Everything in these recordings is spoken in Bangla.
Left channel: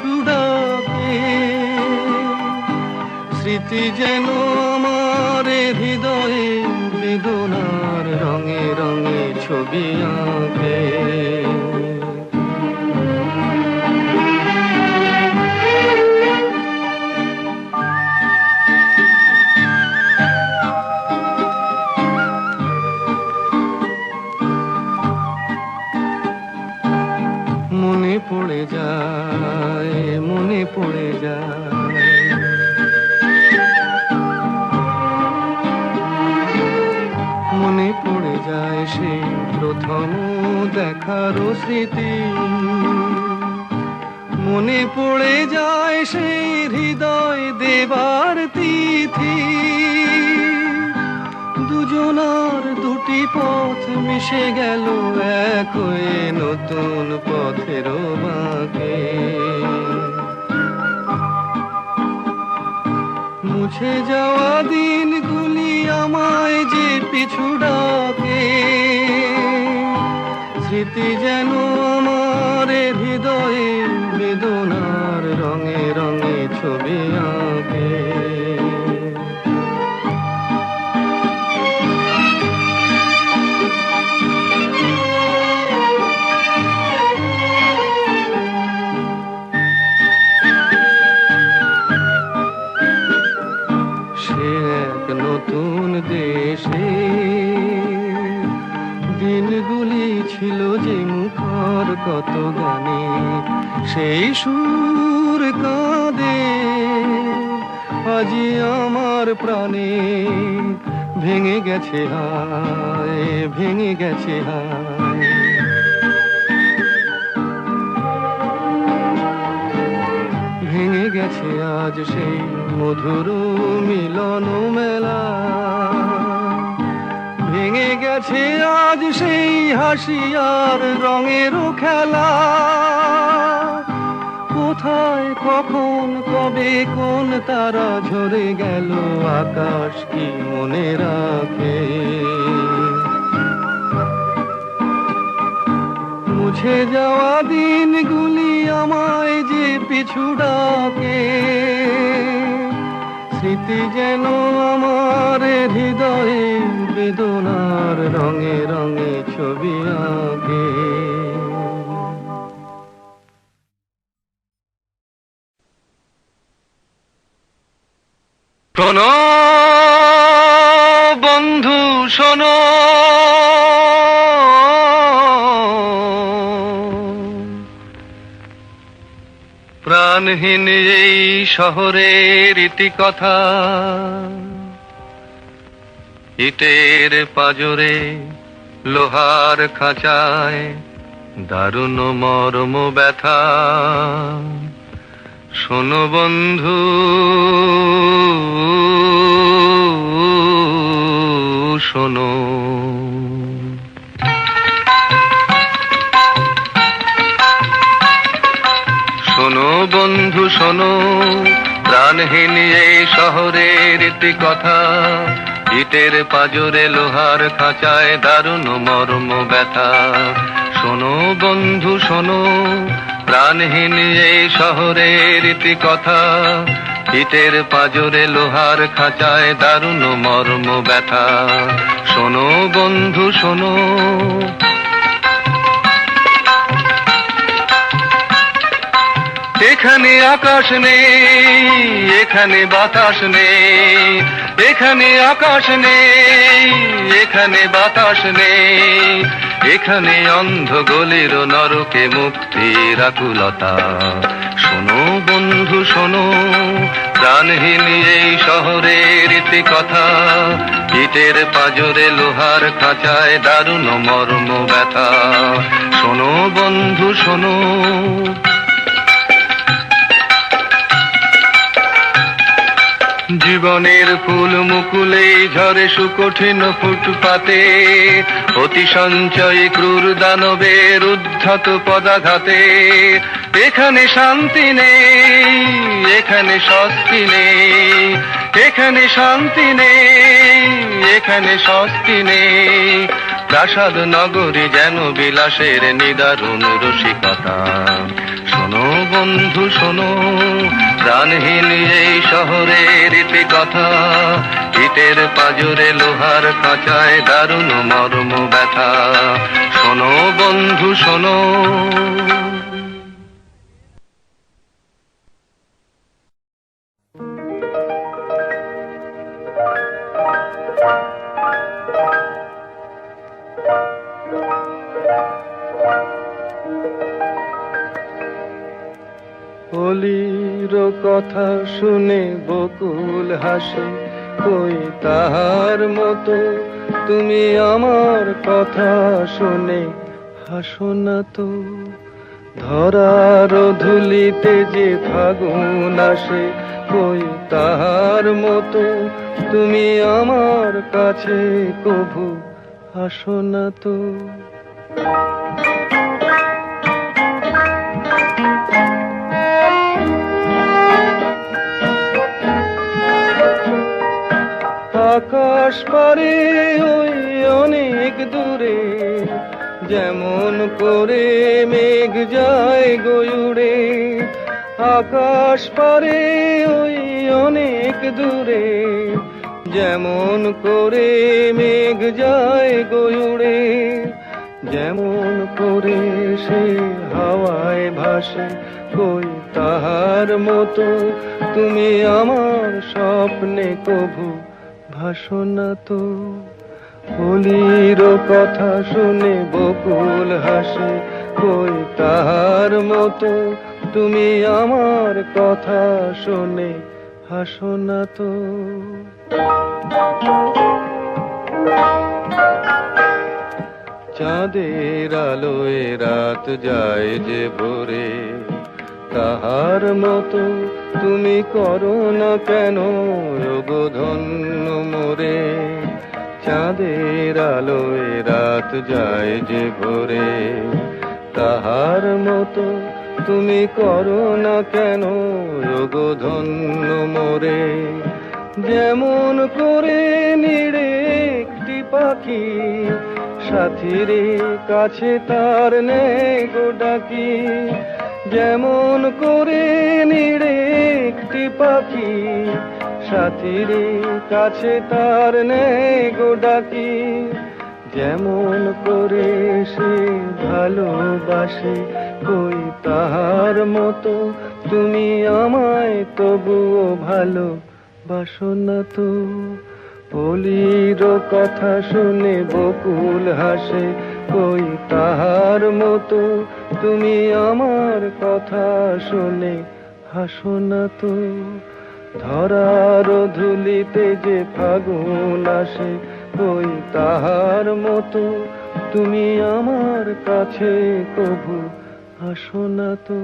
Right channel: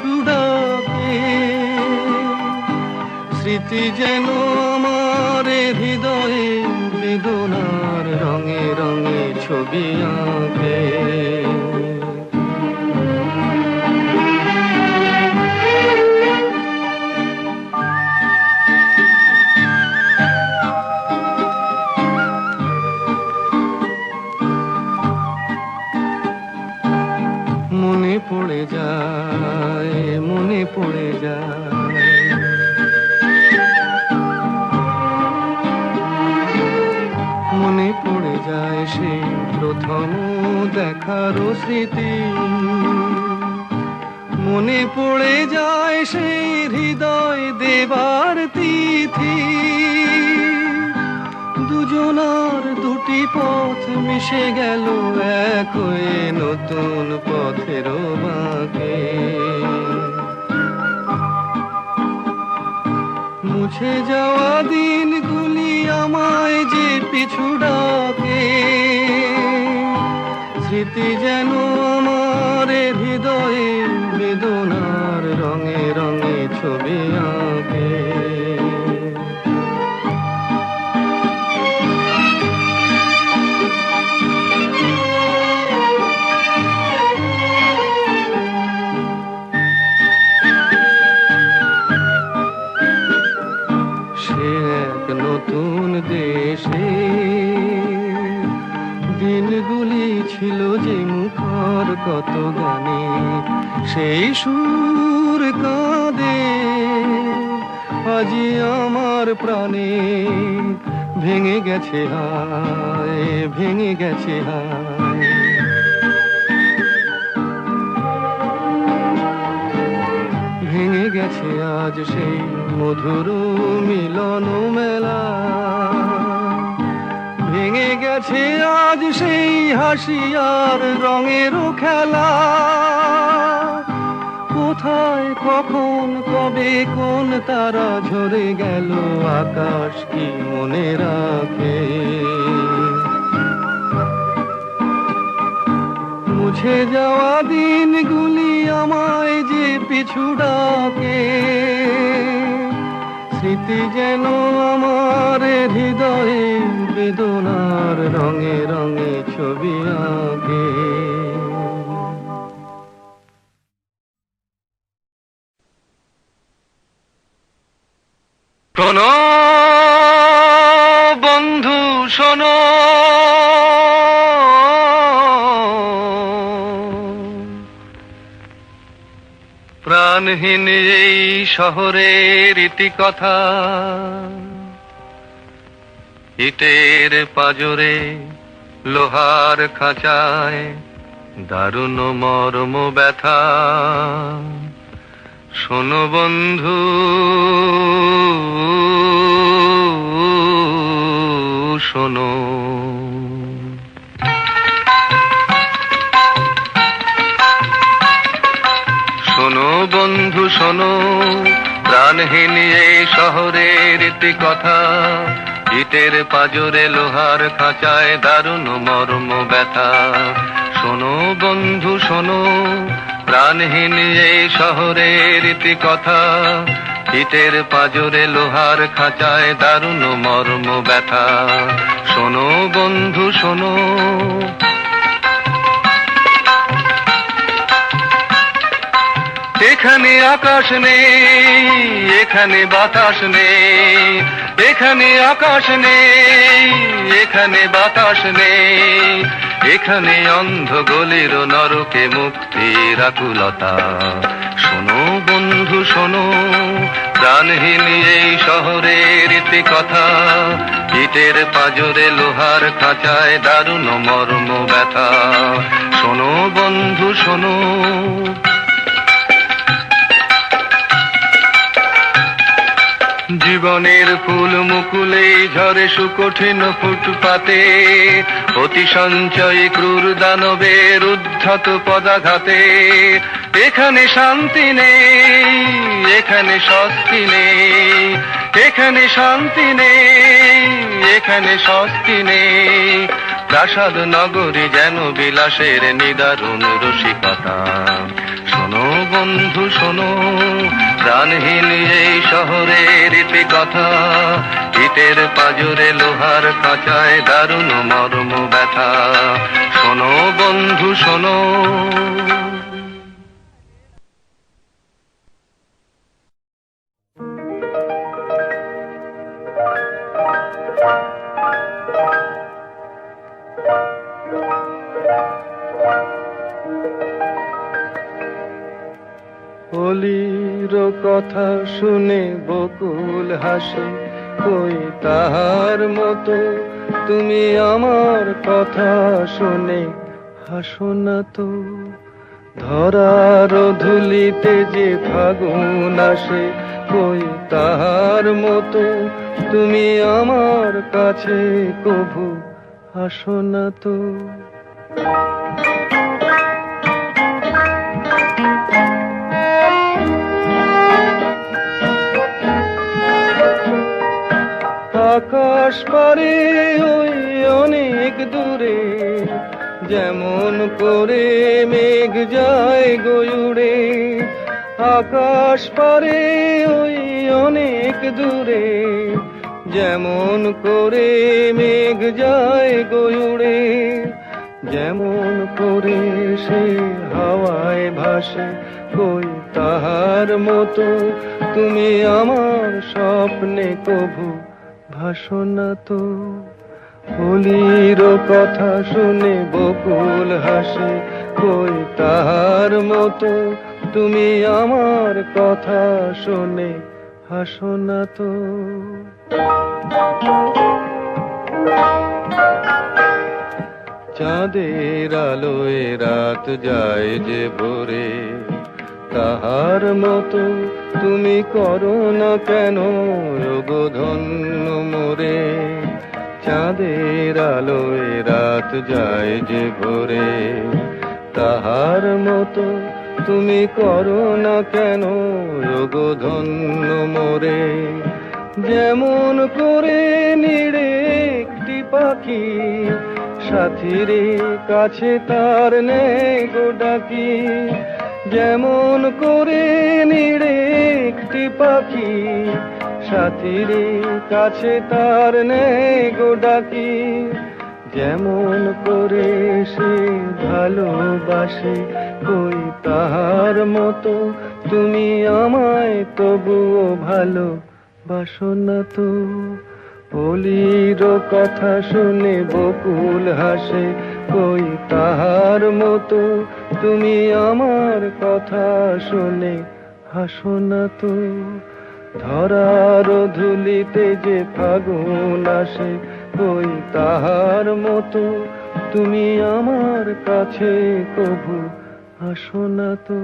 পিছু ডাকে, স্মৃতি যেন আমার হৃদয়ে বেদনার রঙে রঙে ছবি আঁকে। মনে পড়ে যায়, মনে পড়ে যায়, মনে পড়ে যায় সেই প্রথম দেখার স্মৃতি, মনে পড়ে যায় সেই হৃদয় দেবার তিথি। দুজনার দুটি পথ মিশে গেল এক হয়ে নতুন পথের বাঁকে। মুছে যাওয়া দিনগুলি আমায় যে পিছু ডাকে, স্মৃতি যেন আমার হৃদয়ে বেদনার রঙে রঙে ছবি আঁকে। নতুন দেশে দিনগুলি ছিল যে মুখর কত গানে, সেই সুর কাঁদে আজি আমার প্রাণে। ভেঙে গেছে হায়, ভেঙে গেছে হায়, ভেঙে গেছে আজ সেই মধুর মিলন মেলা। ভেঙে গেছে আজ সেই হাসি আর রঙের খেলা। কোথায় কখন কবে কোন তারা ঝরে গেল, আকাশ কি মনে রাখে। মুছে যাওয়া দিনগুলি আমায় যে পিছু ডাকে, স্মৃতি যেন আমার হৃদয়ে বেদনার রঙে রঙে ছবি আঁকে। শোনো বন্ধু শোনো, প্রাণহীন এই শহরের ইতিকথা, ইটের পাজরে লোহার খাঁচায় দারুণ মর্ম ব্যথা। শোনো বন্ধু শোনো, শোনো বন্ধু শোনো, প্রাণহীন এই শহরের ইতিকথা, ইটের পাজরে লোহার খাঁচায় দারুণ মর্ম ব্যথা। শোনো বন্ধু শোনো, প্রাণহীন এই শহরের ইতিকথা, ইটের পাজরে লোহার খাঁচায় দারুণ মর্ম ব্যথা। শোনো বন্ধু শোনো, এখানে আকাশ নেই, এখানে বাতাস নেই, এখানে আকাশ নেই, এখানে বাতাস নেই, এখানে অন্ধ গলির নরকে মুক্তির আকুলতা। শোনো বন্ধু শোনো, প্রাণহীন এই শহরের ইতিকথা, ইটের পাজরে লোহার খাঁচায় দারুণ মর্ম ব্যথা। শোনো বন্ধু শোনো, জীবনের ফুল মুকুলেই ঝরে সুকঠিন ফুটপাতে, অতি সঞ্চয়ী ক্রূর দানবের উদ্ধত পদাঘাতে। এখানে শান্তি নেই, এখানে স্বস্তি নেই, এখানে শান্তি নেই, এখানে স্বস্তি নেই। প্রাসাদ নগরী যেন বিলাসের নিদারুণ রসিকতা। শোনো বন্ধু শোনো, প্রাণহীন এই শহরের ইতি কথা, ইটের পাজরে লোহার খাঁচায় দারুণ মর্ম ব্যথা। শোনো বন্ধু শোনো। অলির কথা শুনে বকুল হাসে, কই তাহার মতো তুমি আমার কথা শুনে হাসো না তো। ধরার ধুলিতে যে ফাগুন আসে, কই তাহার মতো তুমি আমার কাছে কভু হাসো না তো। আকাশ পারে ওই অনেক দূরে, যেমন করে মেঘ যায় গয়ুড়ে। আকাশ পারে ওই অনেক দূরে, যেমন করে মেঘ যায় গয়ুড়ে। যেমন করে সে হাওয়ায় ভাসে, কই তাহার মতো তুমি আমার স্বপ্নে কভু ভাসো না তো। অলির কথা শুনে বকুল হাসে, কই তাহার মতো তুমি আমার কথা শুনে হাসো না তো। চাঁদের আলোয় রাত যায় যে ভোরে, তাহার মতো তুমি করো না কেন গো ধন্য মোরে। চাঁদের আলোয় রাত যায় যে ভোরে, তাহার মতো তুমি করো না কেন গো ধন্য মোরে। যেমন করে নিড়ে একটি পাখি, সাথীরে কাছে তার নেই গো ডাকি। যেমন করে নিড়ে একটি পাখি, সাথীরে কাছে তার নেই গো ডাকি। যেমন করে সে ভালোবাসে, কই তাহার মতো তুমি আমায় তবুও ভালোবাসো না তো। অলির কথা শুনে বকুল হাসে, কই তাহার মতো তুমি আমার কথা শুনে হাসো না তো। ধরার ধুলিতে যে ফাগুন আসে, কই তাহার মতো তুমি আমার কাছে কভু হাসো না তো।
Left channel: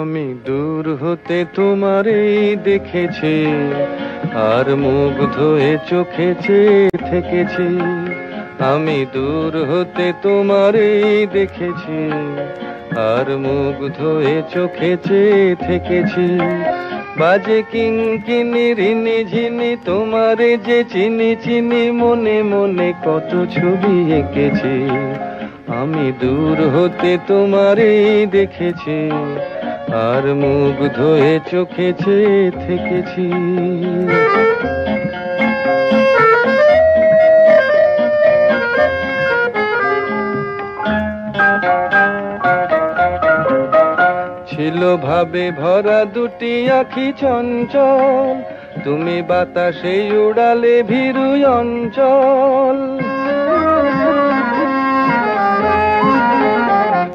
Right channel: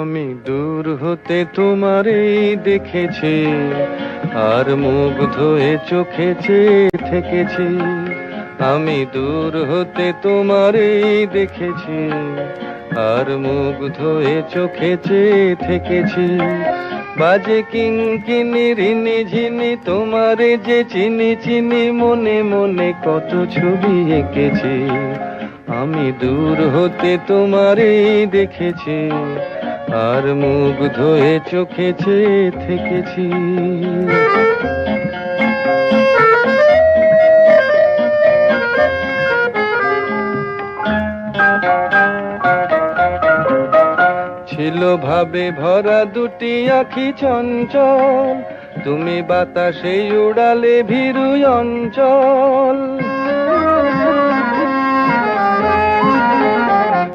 আমি দূর হতে তোমারই দেখেছি, আর মুগ্ধ হয়ে চোখে চেয়ে থেকেছি। আমি দূর হতে তোমারই দেখেছি, আর মুগ্ধ হয়ে চোখে চেয়ে থেকেছি। বাজে কিঙ্কিনি রিনি ঝিনি তোমারে যে চিনি চিনি, মনে মনে কত ছবি এঁকেছি। আমি দূর হতে তোমারই দেখেছি, আর মুগ্ধ হয়ে চোখে চেয়ে থেকেছি। ছিল ভাবে ভরা দুটি আখি চঞ্চল, তুমি বাতাসে উড়ালে ভীরু অঞ্চল।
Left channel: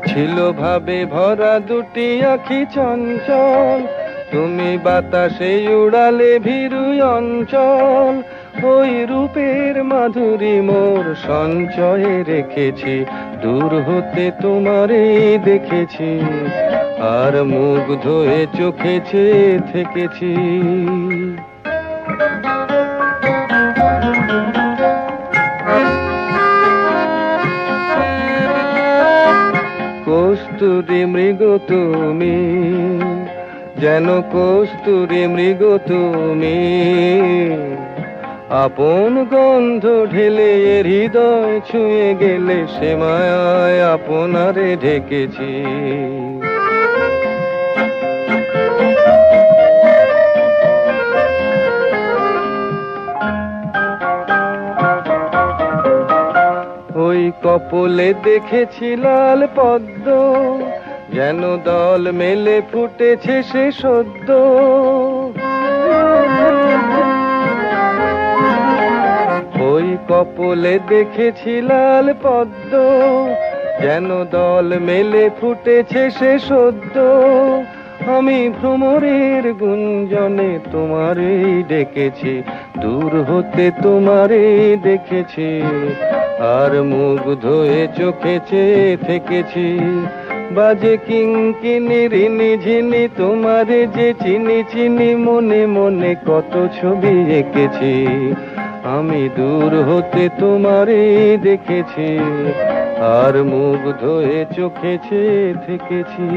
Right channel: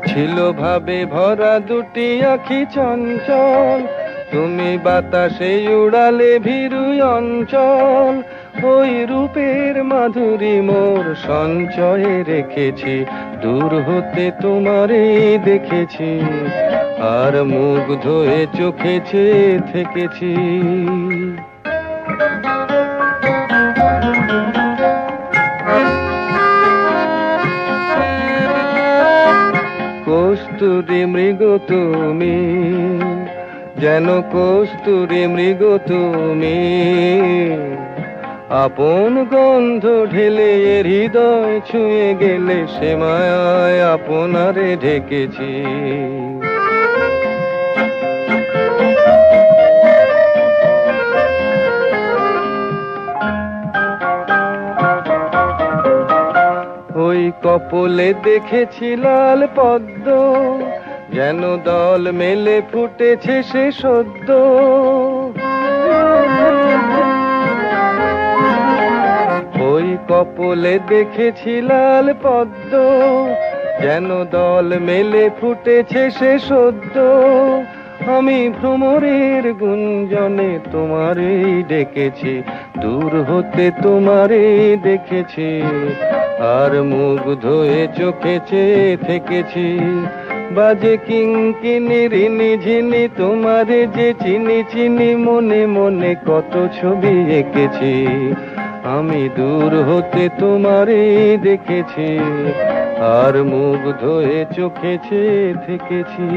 ছিল ভাবে ভরা দুটি আখি চঞ্চল, তুমি বাতাসে উড়ালে ভীরু অঞ্চল। ওই রূপের মাধুরী মোর সঞ্চয়ে রেখেছি, দূর হতে তোমারে দেখেছি, আর মুগ্ধ হয়ে চোখে চেয়ে থেকেছি। কস্তুরী মৃগ তুমি, যেন কস্তুরী মৃগ তুমি। আপন গন্ধ ঢেলে হৃদয় ছুঁয়ে গেলে, সে মায়ায় আপনারে ঢেকেছি। ওই কপলে দেখেছি লাল পদ্ম, যেন দল মেলে ফুটেছে সে সদ্য। ওই কপলে দেখেছি লাল পদ্ম, যেন দল মেলে ফুটেছে সে সদ্য। আমি ভ্রমরের গুঞ্জনে তোমারেই ডেকেছি, দূর হতে তোমারেই দেখেছি, আর মুগ্ধ হয়ে চোখে চেয়ে থেকেছি। বাজে কিঙ্কিনি রিনি ঝিনি, তোমারে যে চিনি চিনি, মনে মনে কত ছবি এঁকেছি। আমি দূর হতে তোমারেই দেখেছি, আর মুগ্ধ হয়ে চোখে চেয়ে থেকেছি।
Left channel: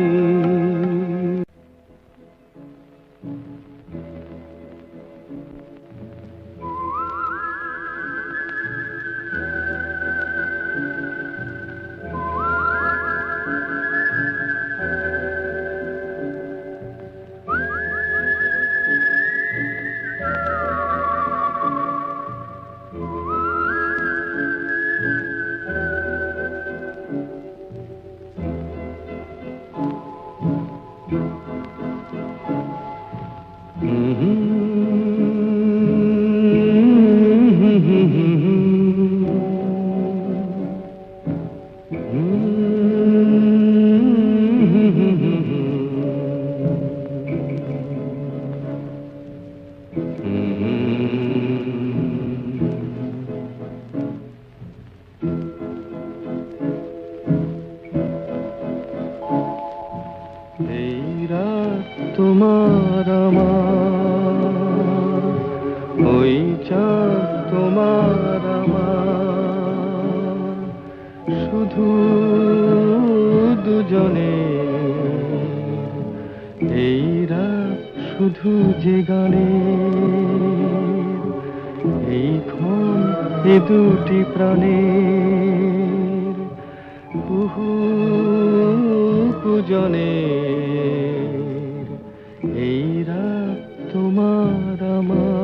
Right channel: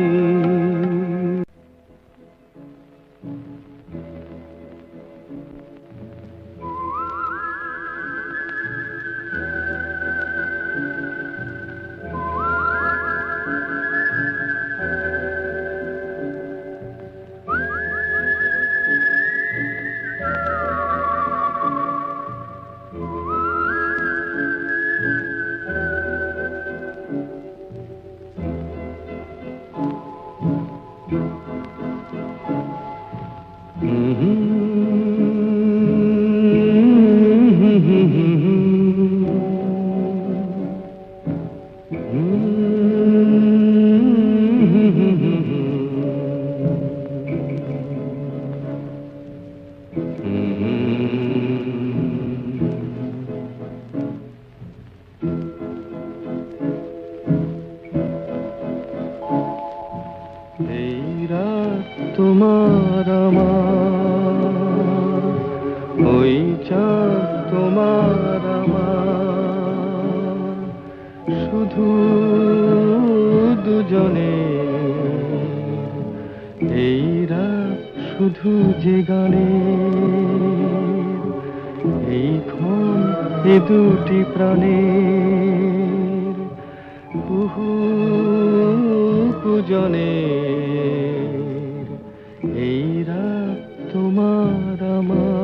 তোমার আমার, ওই চাঁদ তোমার আমার, শুধু দুজনে এই রাত, শুধু যে গানে এই ক্ষণ, এ দুটি প্রাণের কুহু কুজনে। এই রাত তোমার আমার।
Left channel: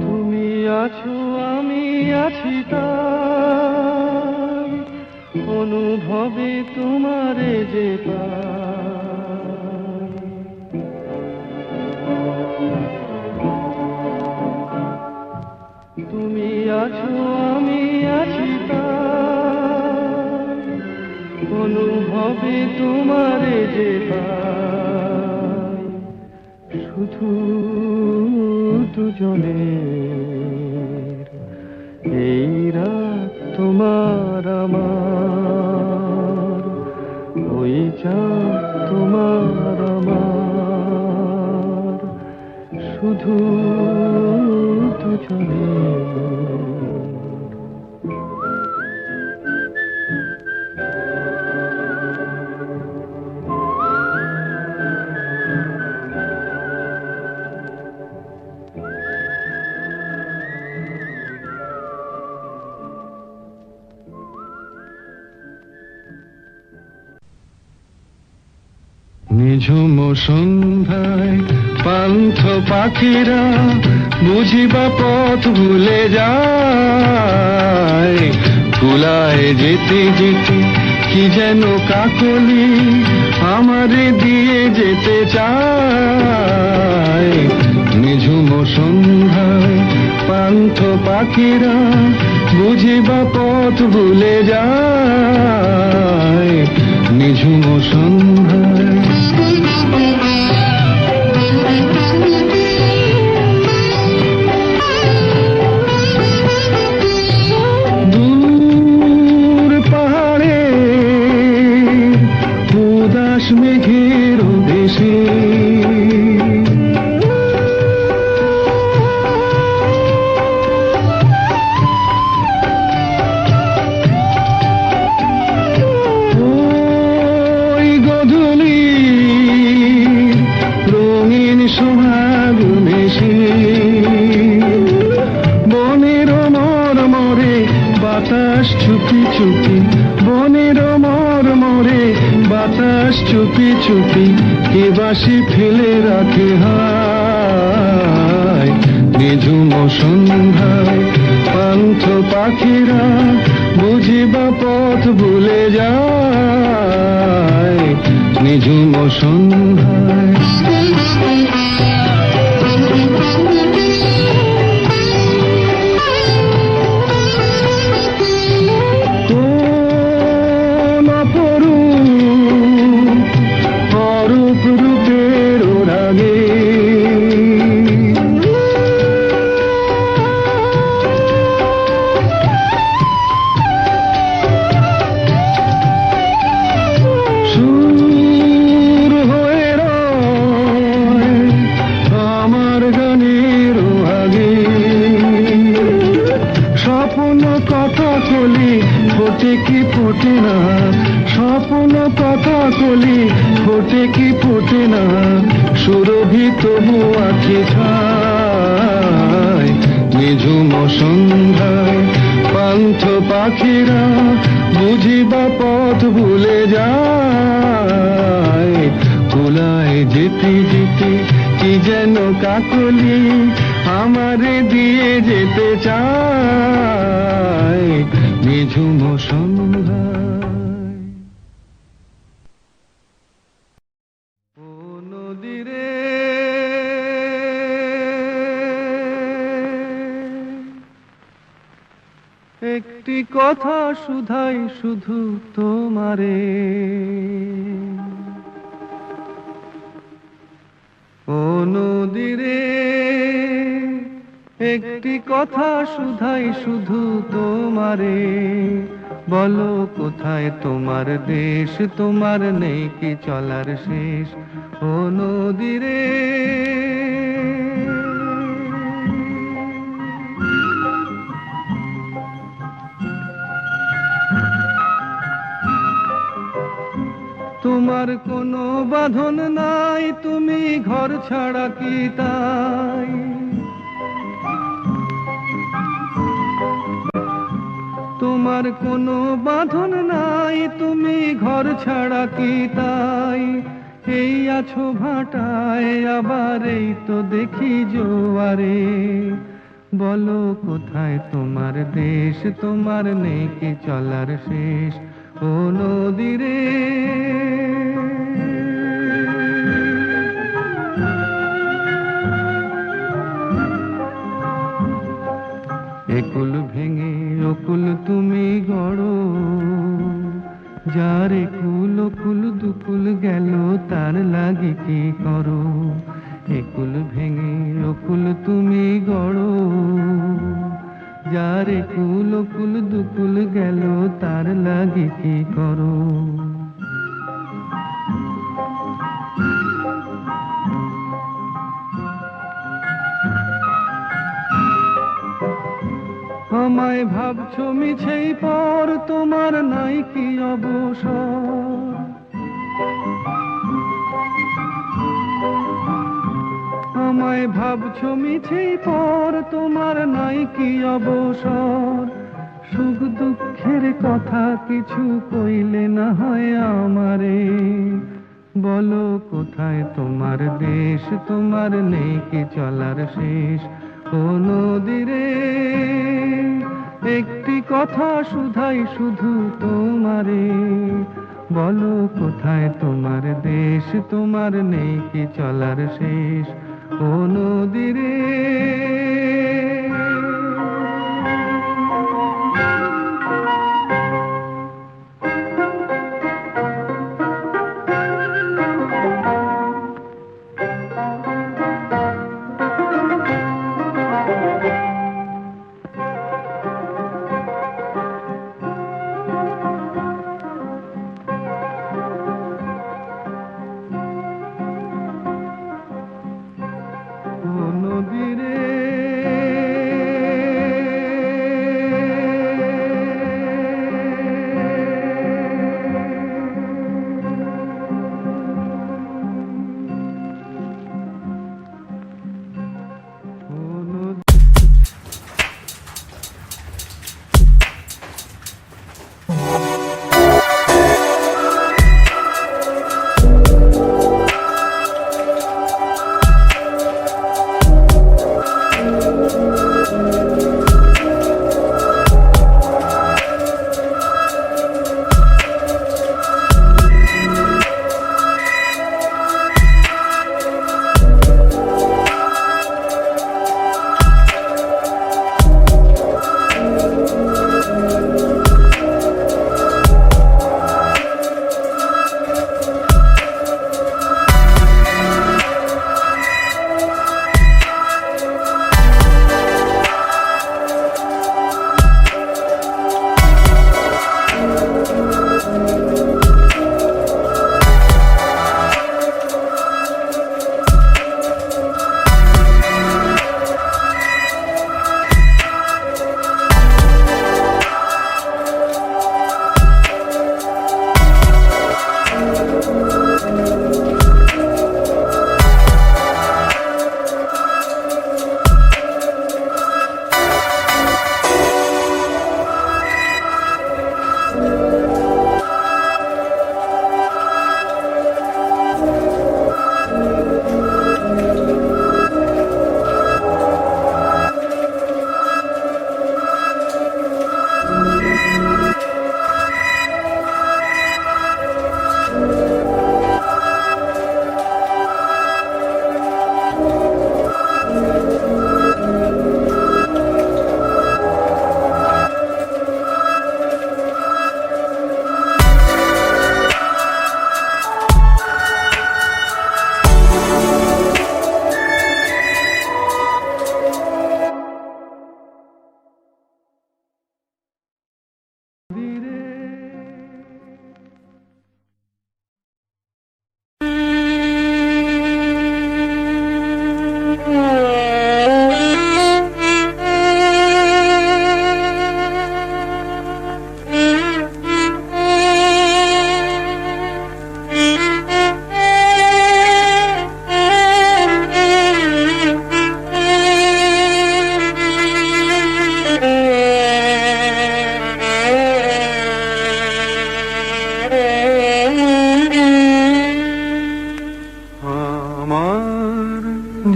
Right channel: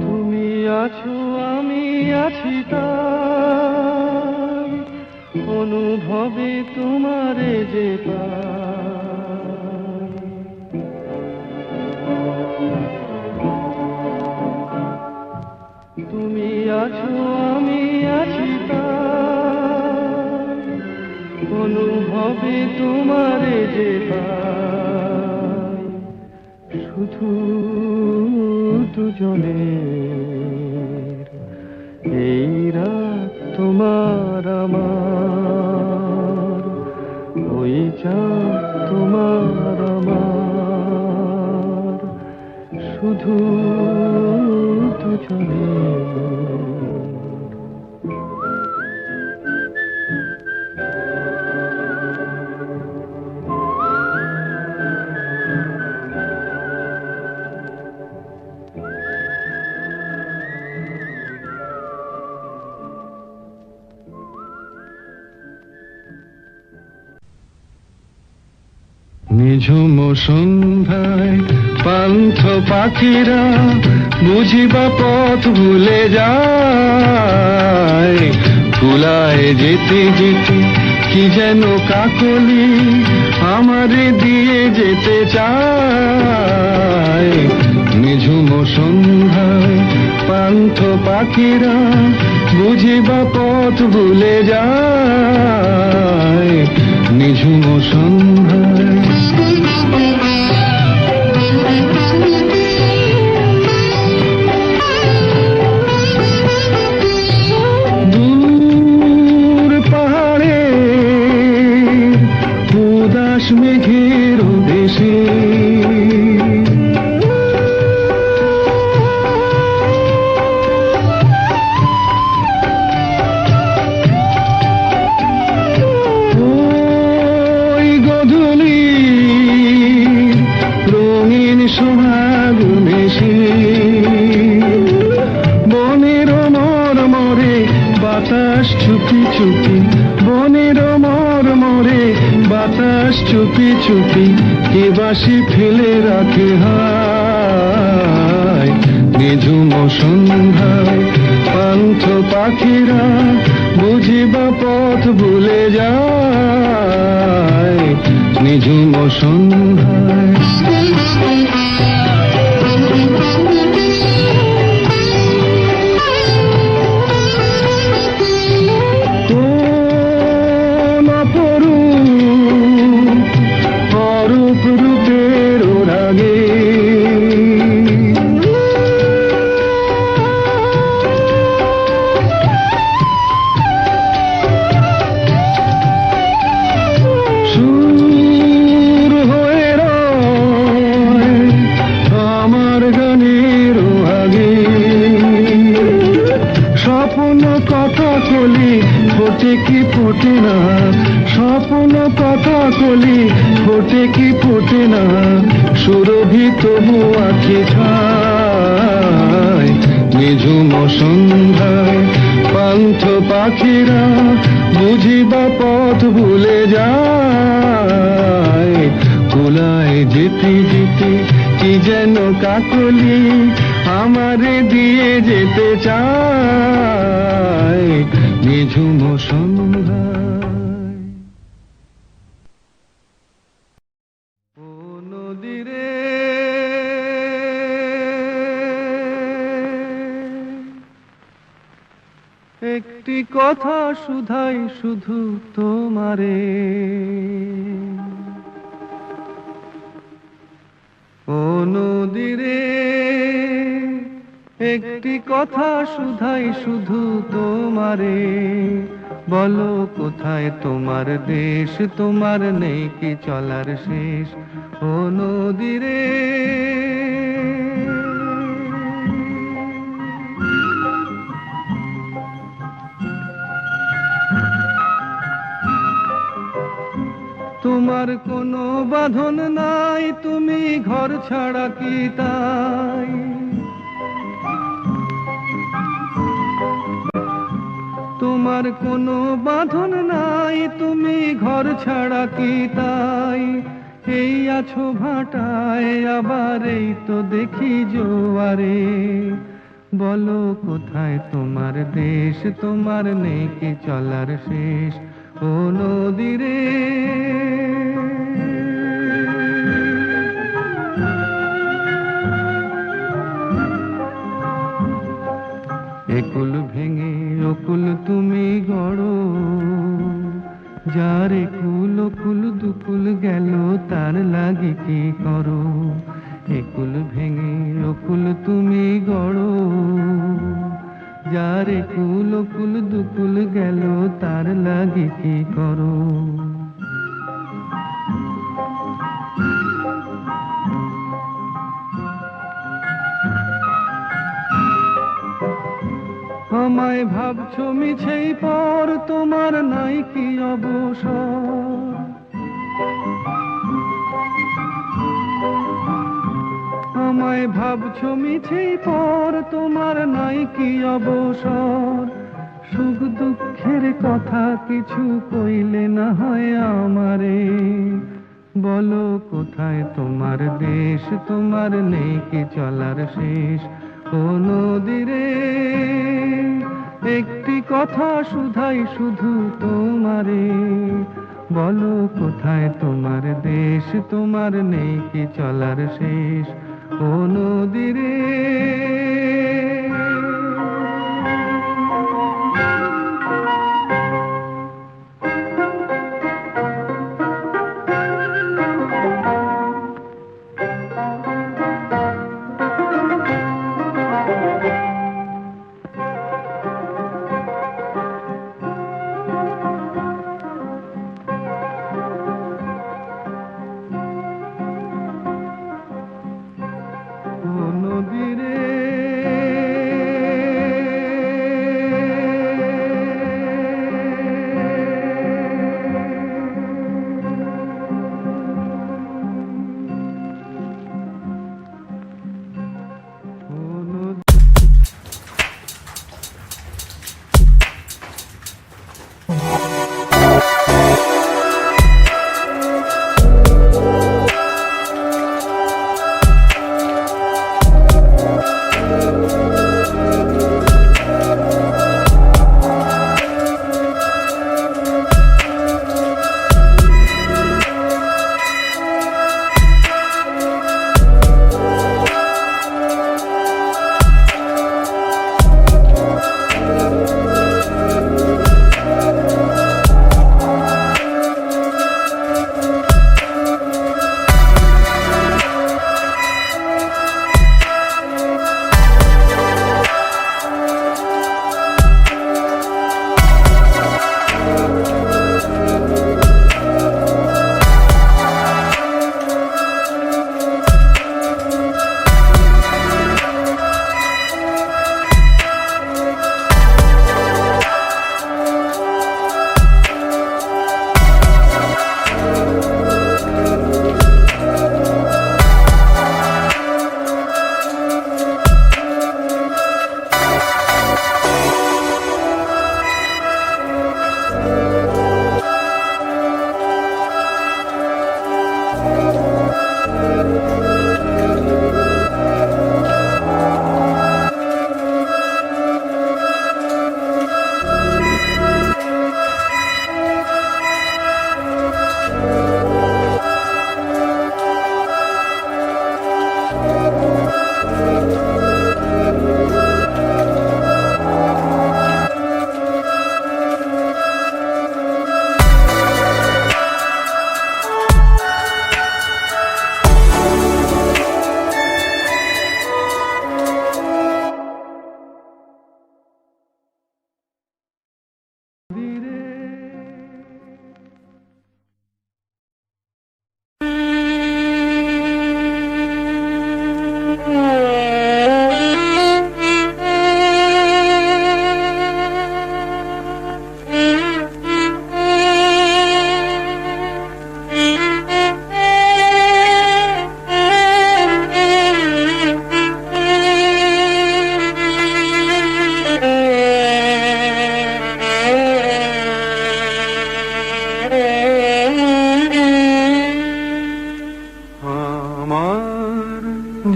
তুমি আছো আমি আছি তাই, অনুভবে তোমারে যে পাই। তুমি আছো আমি আছি তাই, অনুভবে তোমারে যে পাই। শুধু দুজনের এই রাত তোমার আমার, ওই চাঁদ তোমার আমার, শুধু দুজনের। নিঝুম সন্ধ্যায় পান্থ পাখিরা বুঝিবা পথ ভুলে যায়। কুলায় যেতে যেতে কি যেন কাকলি আমারে দিয়ে যেতে চায়। নিঝুম সন্ধ্যায় পান্থ পাখিরা বুঝিবা পথ ভুলে যায়। নিঝুম সন্ধ্যায় দূর পাহাড়ে উদাস মেঘের দেশে সোহাগ মেশে বনের মরে বাতাস চুপি চুপি বনের মরে বাতাস চুপি চুপি কে বাসি ফেলে রাখে হায় নিঝুম সন্ধ্যায় পান্থ পাখিরা বুঝিবা পথ ভুলে যায় নিঝুম সন্ধ্যায় কোন অরূপ রূপের রাগে সুর হয়ে রয় আমার গানের আগে স্বপ্ন কথা কলি ফোটে কি ফোটে না স্বপ্ন কথা কলি ফোটে কি ফোটে না সুরভিত আখি ছায় নিঝুম সন্ধ্যায় পান্থ পাখিরা বুঝিবা পথ ভুলে যায় কুলায় যেতে যেতে কি যেন কাকলি আমারে দিয়ে যেতে চায় নিঝুম সন্ধ্যায় ও নদীরে একটি কথা শুধাই শুধু তোমারে ও নদীরে একটি কথা শুধাই শুধু তোমারে বলো কোথায় তোমার দেশ তোমার নেই কি চলার শেষ ও নদীরে তোমার কোনো বাঁধন নাই তুমি ঘর ছাড়া কি তাই তোমার কোনো বাঁধন নাই তুমি ঘর ছাড়া কি তাই এই আছো ভাটায় আবার এই তো দেখি জোয়ারে বলো কোথায় তোমার দেশ তোমার নেই কি চলার শেষ ও নদীরে একুল ভেঙে অকুল তুমি গড়ো যার একুল অকুল দুকুল গেল তার লাগি কি করো একুল ভেঙে অকুল তুমি গড়ো যার একুল অকুল দুকুল গেল তার লাগি কি করো আমায় ভাবছো মিছেই পর তোমার নাই কি অবসর আমায় ভাবছো মিছেই পর তোমার নাই কি অবসর সুখ দুঃখের কথা কিছু কইলে না হয় আমারে বলো কোথায় তোমার দেশ তোমার নেই কি চলার শেষ ও নদীরে একটি কথা শুধাই শুধু তোমারে বলো কোথায় তোমার দেশ তোমার নেই কি চলার শেষ ও নদীরে নদীরে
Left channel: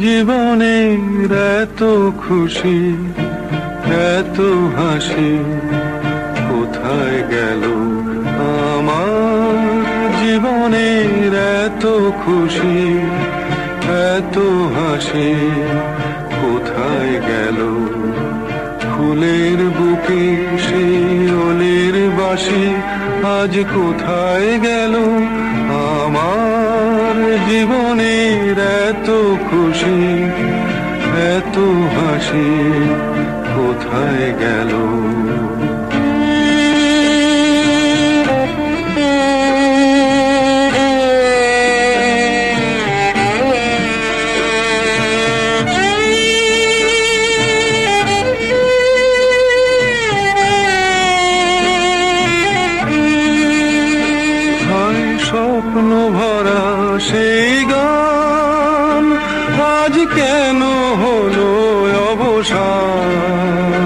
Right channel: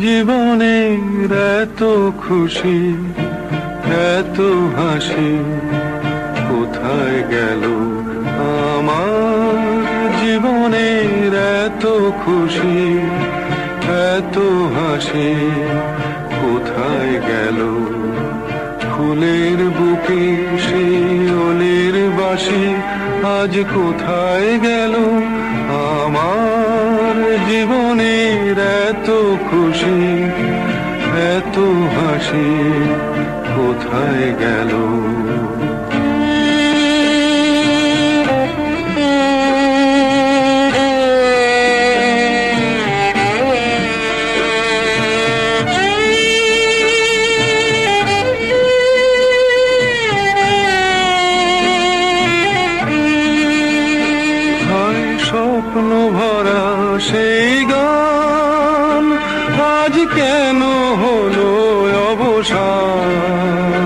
জীবনের এত খুশি এত হাসি কোথায় গেল আমার জীবনের এত খুশি এত হাসি কোথায় গেল ফুলের বুকে সেই ওলের বাসি আজ কোথায় গেল আমার জীবনের এত খুশি এত হাসি কোথায় গেল স্বপ্ন ভরা সেই গান আজ কেন হলো অবসান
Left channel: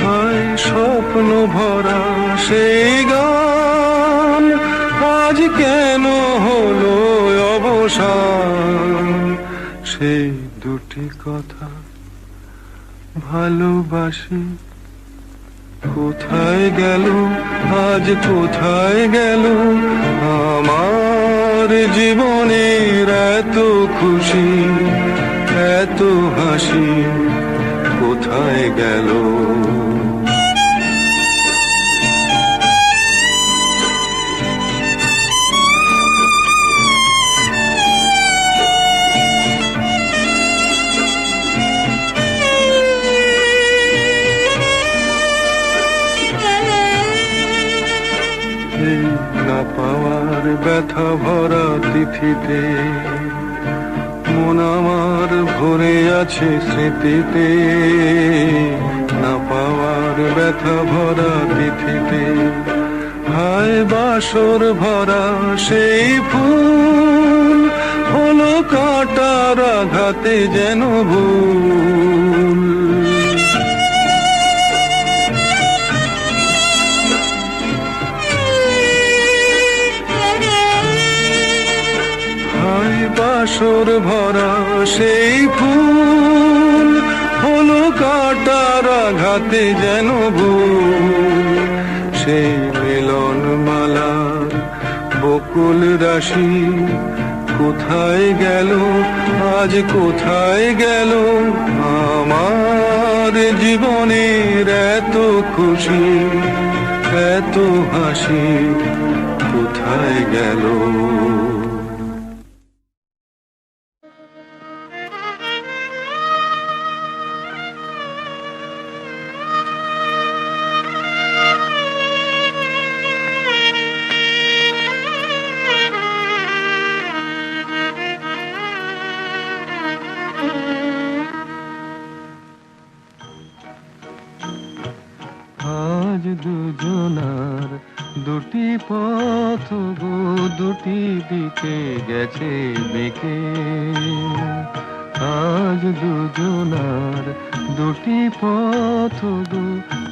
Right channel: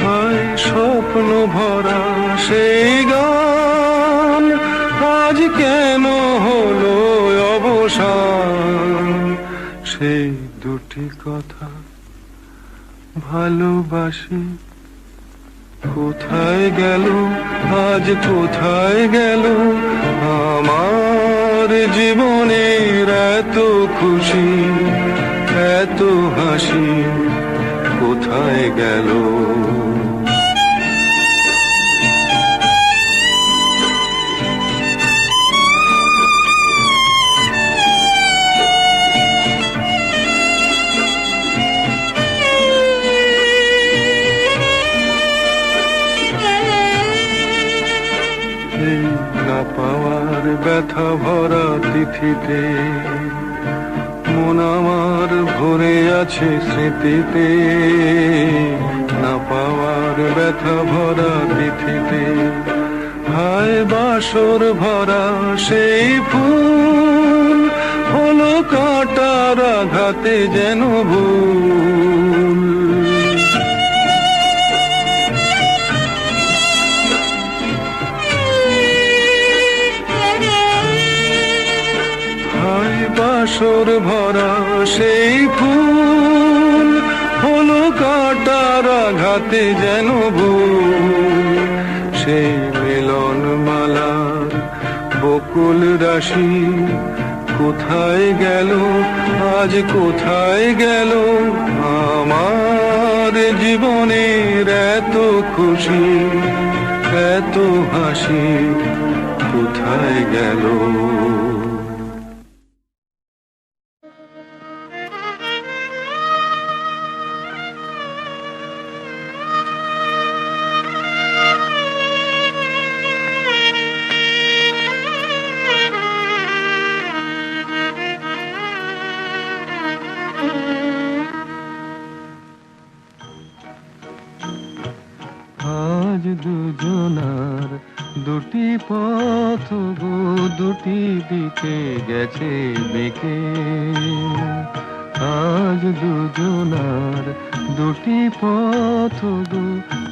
হায় স্বপ্ন ভরা সেই গান আজ কেন হলো অবসান সেই দুটি কথা ভালোবাসি কোথায় গেল আজ কোথায় গেল আমার জীবনের এত খুশি এত হাসি কোথায় গেল না পাওয়ার ব্যথা ভরা তিথিতে মন আমার ভরে আছে স্মৃতিতে না পাওয়ার ব্যথা ভরা তিথিতে হায় বাসর ভরা সেই ফুল হলো কাঁটার আঘাতে যেন ভুল বাসর ভরা সেই ফুল হলো কাঁটার আঘাতে যেন ভুল সেই মিলন মালা বকুল রাশি কোথায় গেল আজ কোথায় গেল আমার জীবনের এত খুশি এত হাসি কোথায় গেল আজ দুজনার দুটি পথ গো দুটি দিকে গেছে বেঁকে আজ দুজনার দুটি পথ গো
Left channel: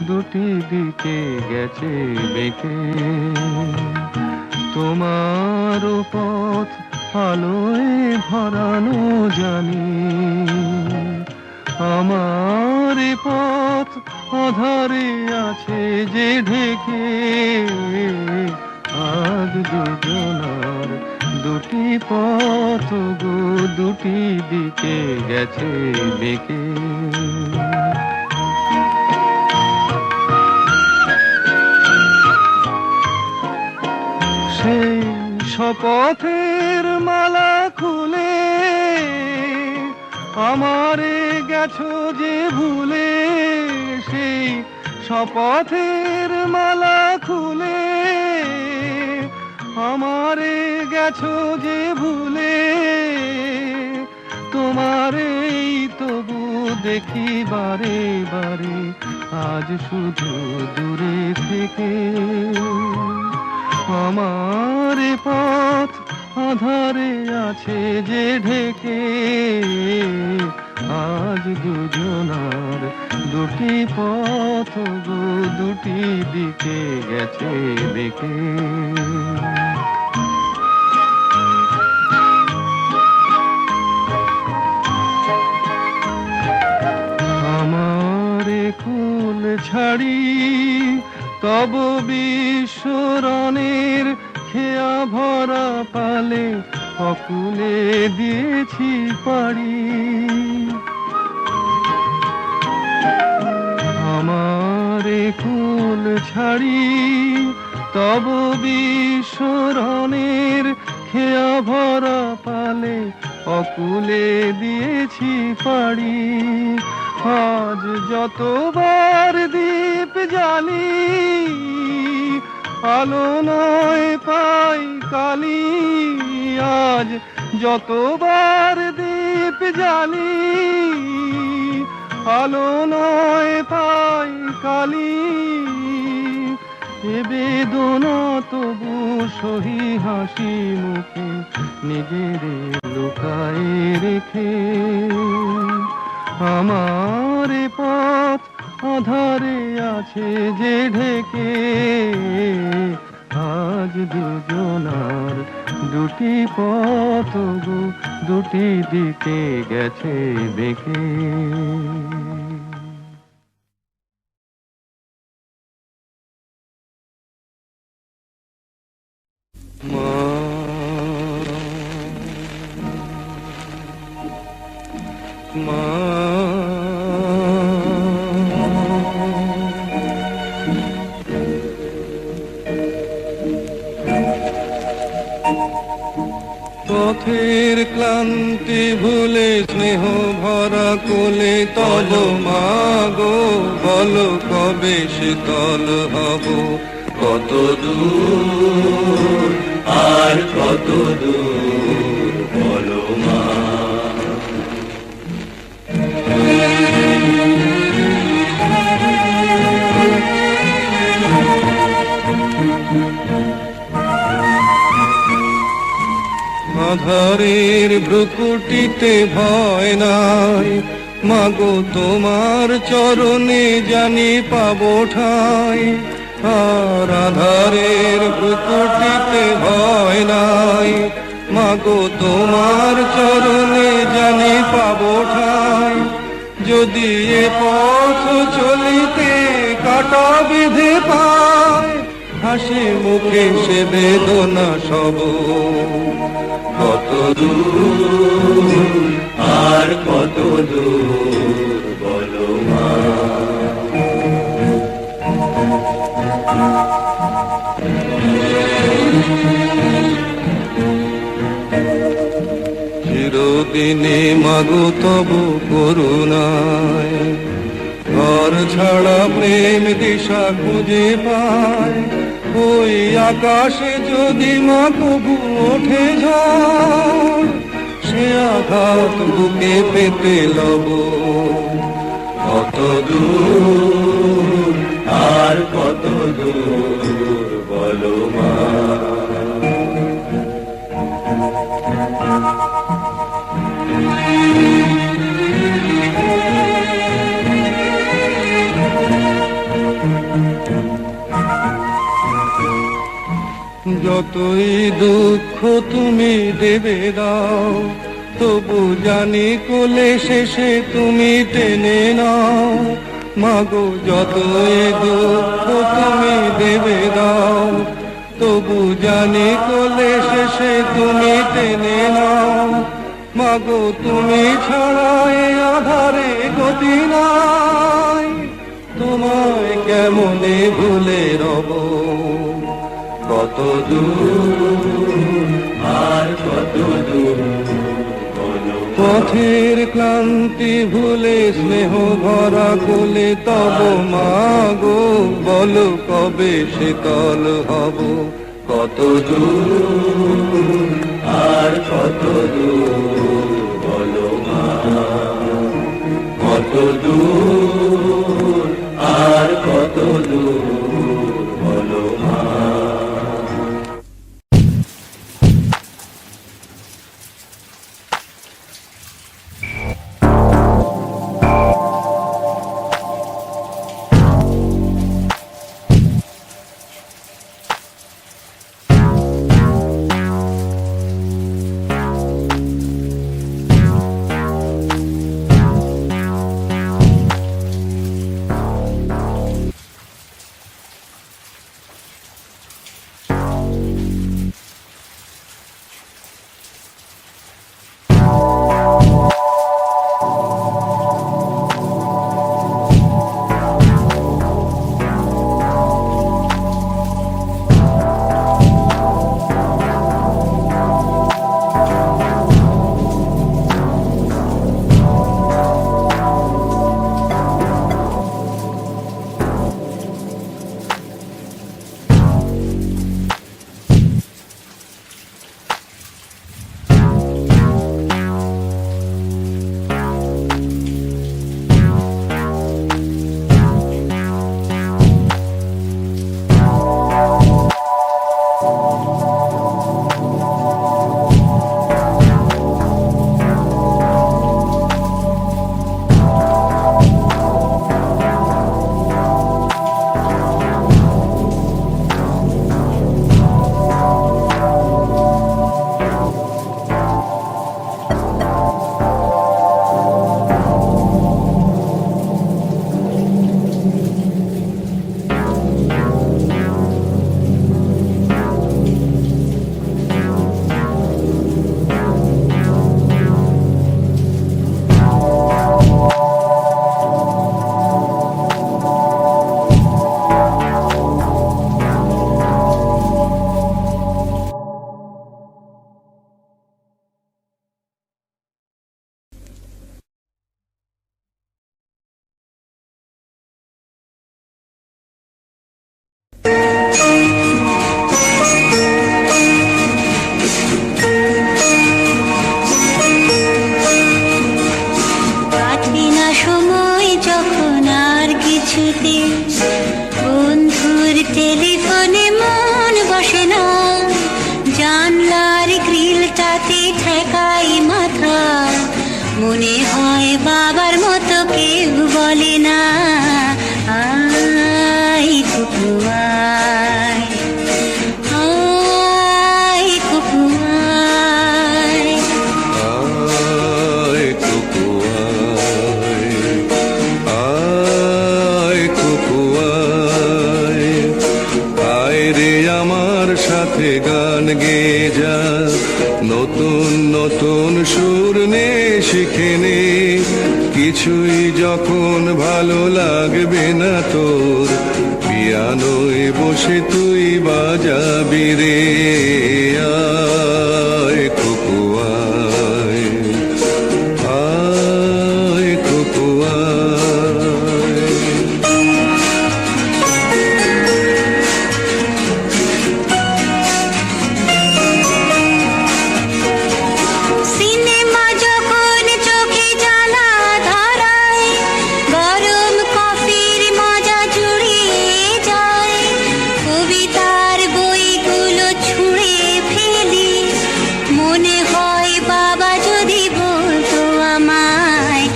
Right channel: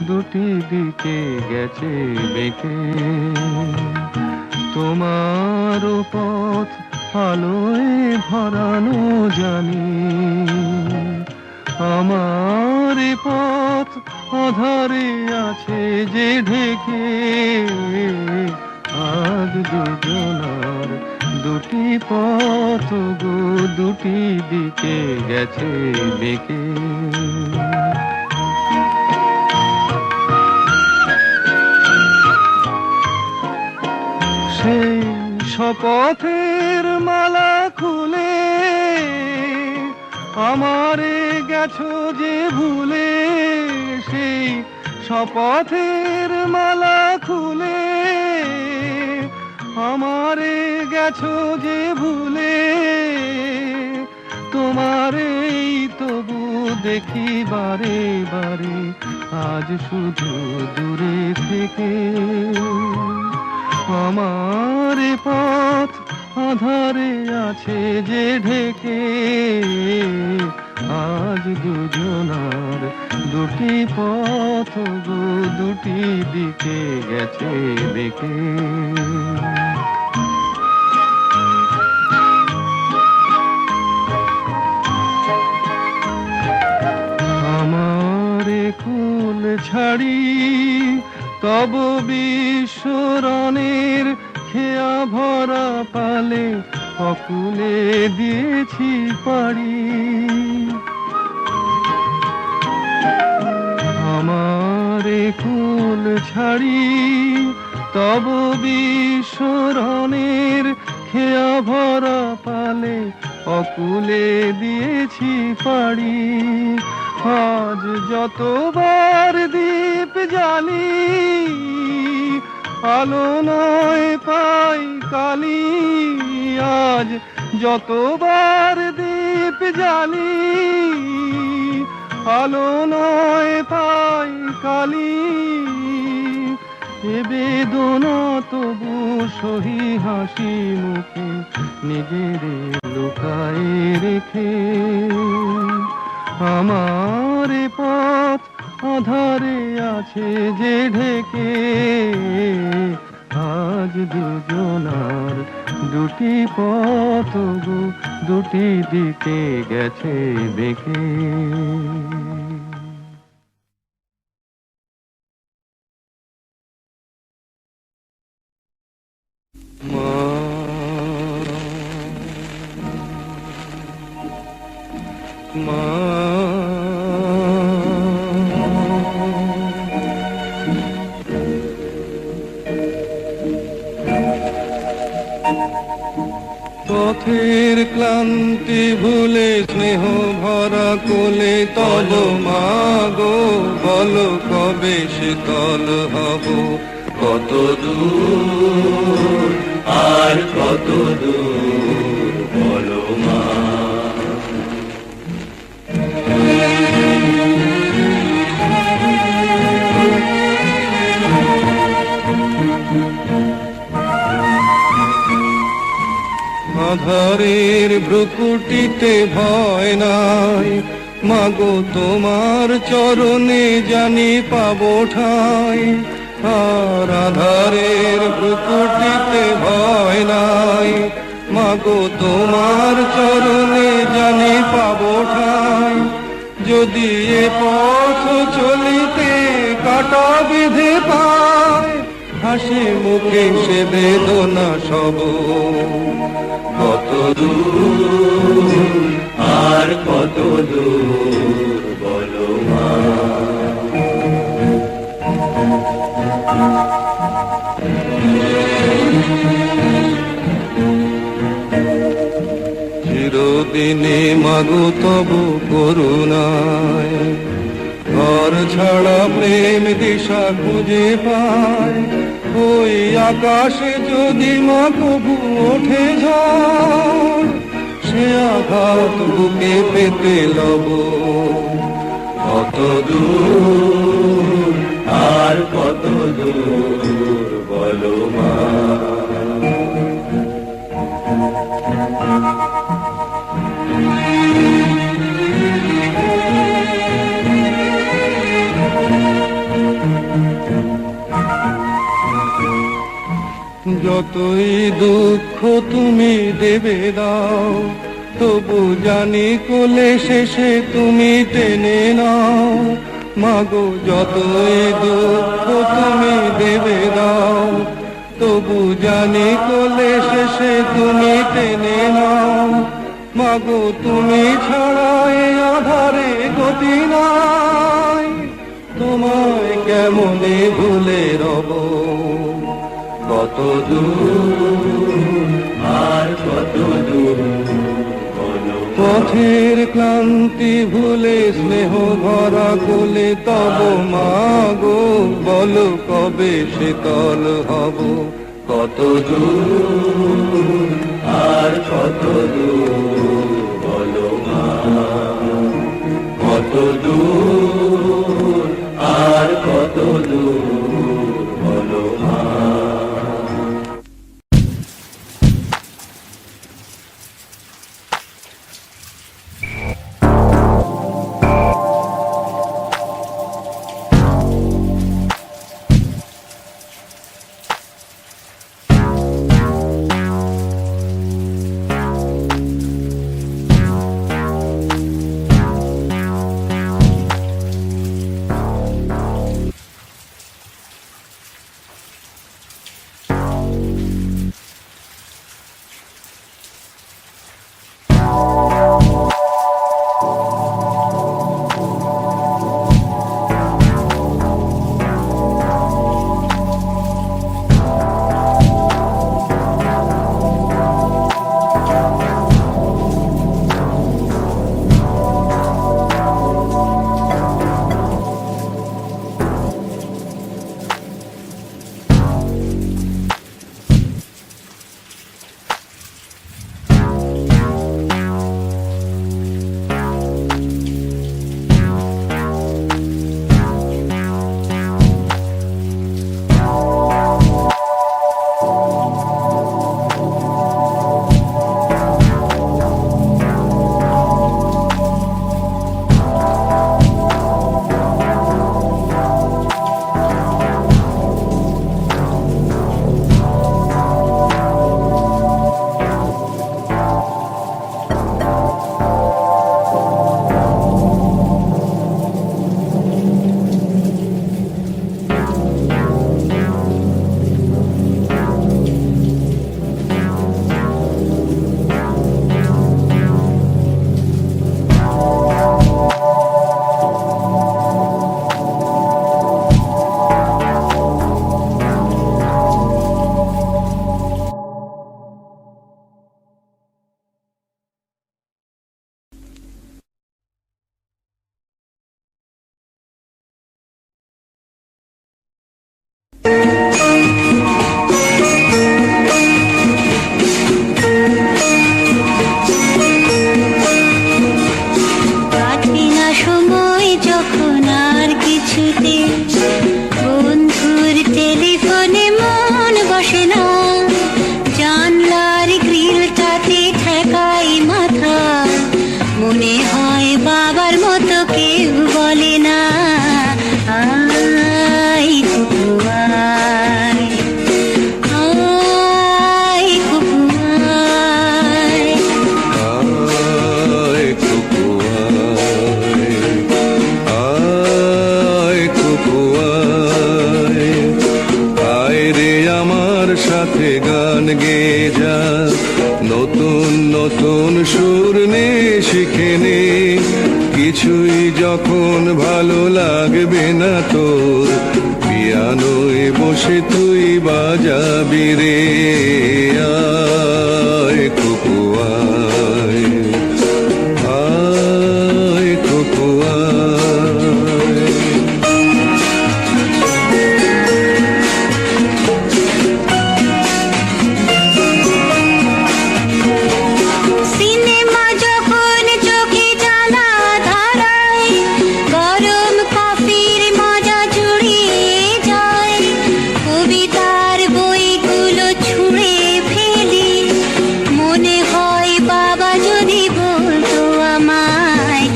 দুটি দিকে গেছে বেঁকে তোমার পথ আলোয় ভরানো জানি আমার পথ আধারে আছে যে ঢেকে আজ দুজনার দুটি পথ গো দুটি দিকে গেছে বেঁকে সেই শপথের মালা খুলে আমারে গেছো যে ভুলে সেই শপথের মালা খুলে আমারে গেছো যে ভুলে তোমারেই তবু দেখি বারে বারে আজ শুধু দূরে থেকে আমার পথ আধারে আছে যে ঢেকে আজ দুজনার দুটি পথ গো দুটি দিকে গেছে বেঁকে। আমার কুল ছাড়ি তব বিশ্বরণের খেয়া ভরা পালে অকুলে দিয়েছি পাড়ি। আমার কুল ছাড়ি তব বিশ্বরণের খেয়া ভরা পালে অকুলে দিয়েছি পাড়ি। আজ যতবার দীপ জ্বালি আলো নয় পাই কালি। আজ যতবার দীপ জ্বালি আলো নয় পাই কালি। এ বেদনা তবু সহি হাসি মুখে নিজের লুকায়ে রেখে। আমার পথ আধারে আছে যে ঢেকে। আজ দুজনার দুটি পথ গো দুটি দিকে গেছে বেঁকে। মা পথের ক্লান্তি ভুলে স্নেহ ভরা কোলে তব মাগো বলো কবে শীতল হব। কত দূর আর কত দূর বলো মা। আধারের ভ্রুকুটিতে ভয় নাই মাগো তোমার চরণে জানি পাবো ঠাই। আর আধারের ভ্রুকুটিতে ভয় নাই মাগো তোমার চরণে জানি পাবো ঠাই। যদি এ পথ চলিতে কাটা বিধে পায় হাসি মুখে সে বেদনা সব। কত দূর আর কত দূর বলো মা। চিরদিনে মাগো তব করুণায় ঘর ছাড়া প্রেম দিশা খুঁজে পায়। ওই আকাশে যদি মা কবু ওঠে ঝড় সে আঘাত বুকে পেতে লব। কত দূর আর কত দূর বলো মা। যতই দুঃখ তুমি দেবে দাও তবু জানি কোলে শেষে তুমি টেনে নাও। মাগো যতই দুঃখ তুমি দেবে দাও তবু জানি কোলে শেষে তুমি টেনে নাও। মাগো তুমি ছাড়া এ আধারে গতি নাই তোমায় কেমনে ভুলে রব। কত দূর আর কত দূর পথের ক্লান্তি ভুলে স্নেহ ভরা কোলে তব মাগো বলো কবে শীতল হব। কত দূর আর কত দূর বলো মা। কত দূর আর কত দূর বলো মা। বলে না আয় কুকু আয়, আয় কুকু আয়। আয় কুকু আয়, আয় কুকু আয়, আয় রে আমার সাথে গান গেয়ে যা, নতুন নতুন সুর নে শিখে নে, কিছুই যখন ভালো লাগবে না তোর, পিয়ানোয় বসে তুই বাজাবি রে। আয় কুকু আয়, আয় কুকু আয়। সিনেমা যখন চোখে জ্বালা ধরায়, গরম কফির মজা জুড়িয়ে যায়, কবিতার বইগুলো ছুঁড়ে ফেলি, মনে হয় বাবা যদি বলতো আমায়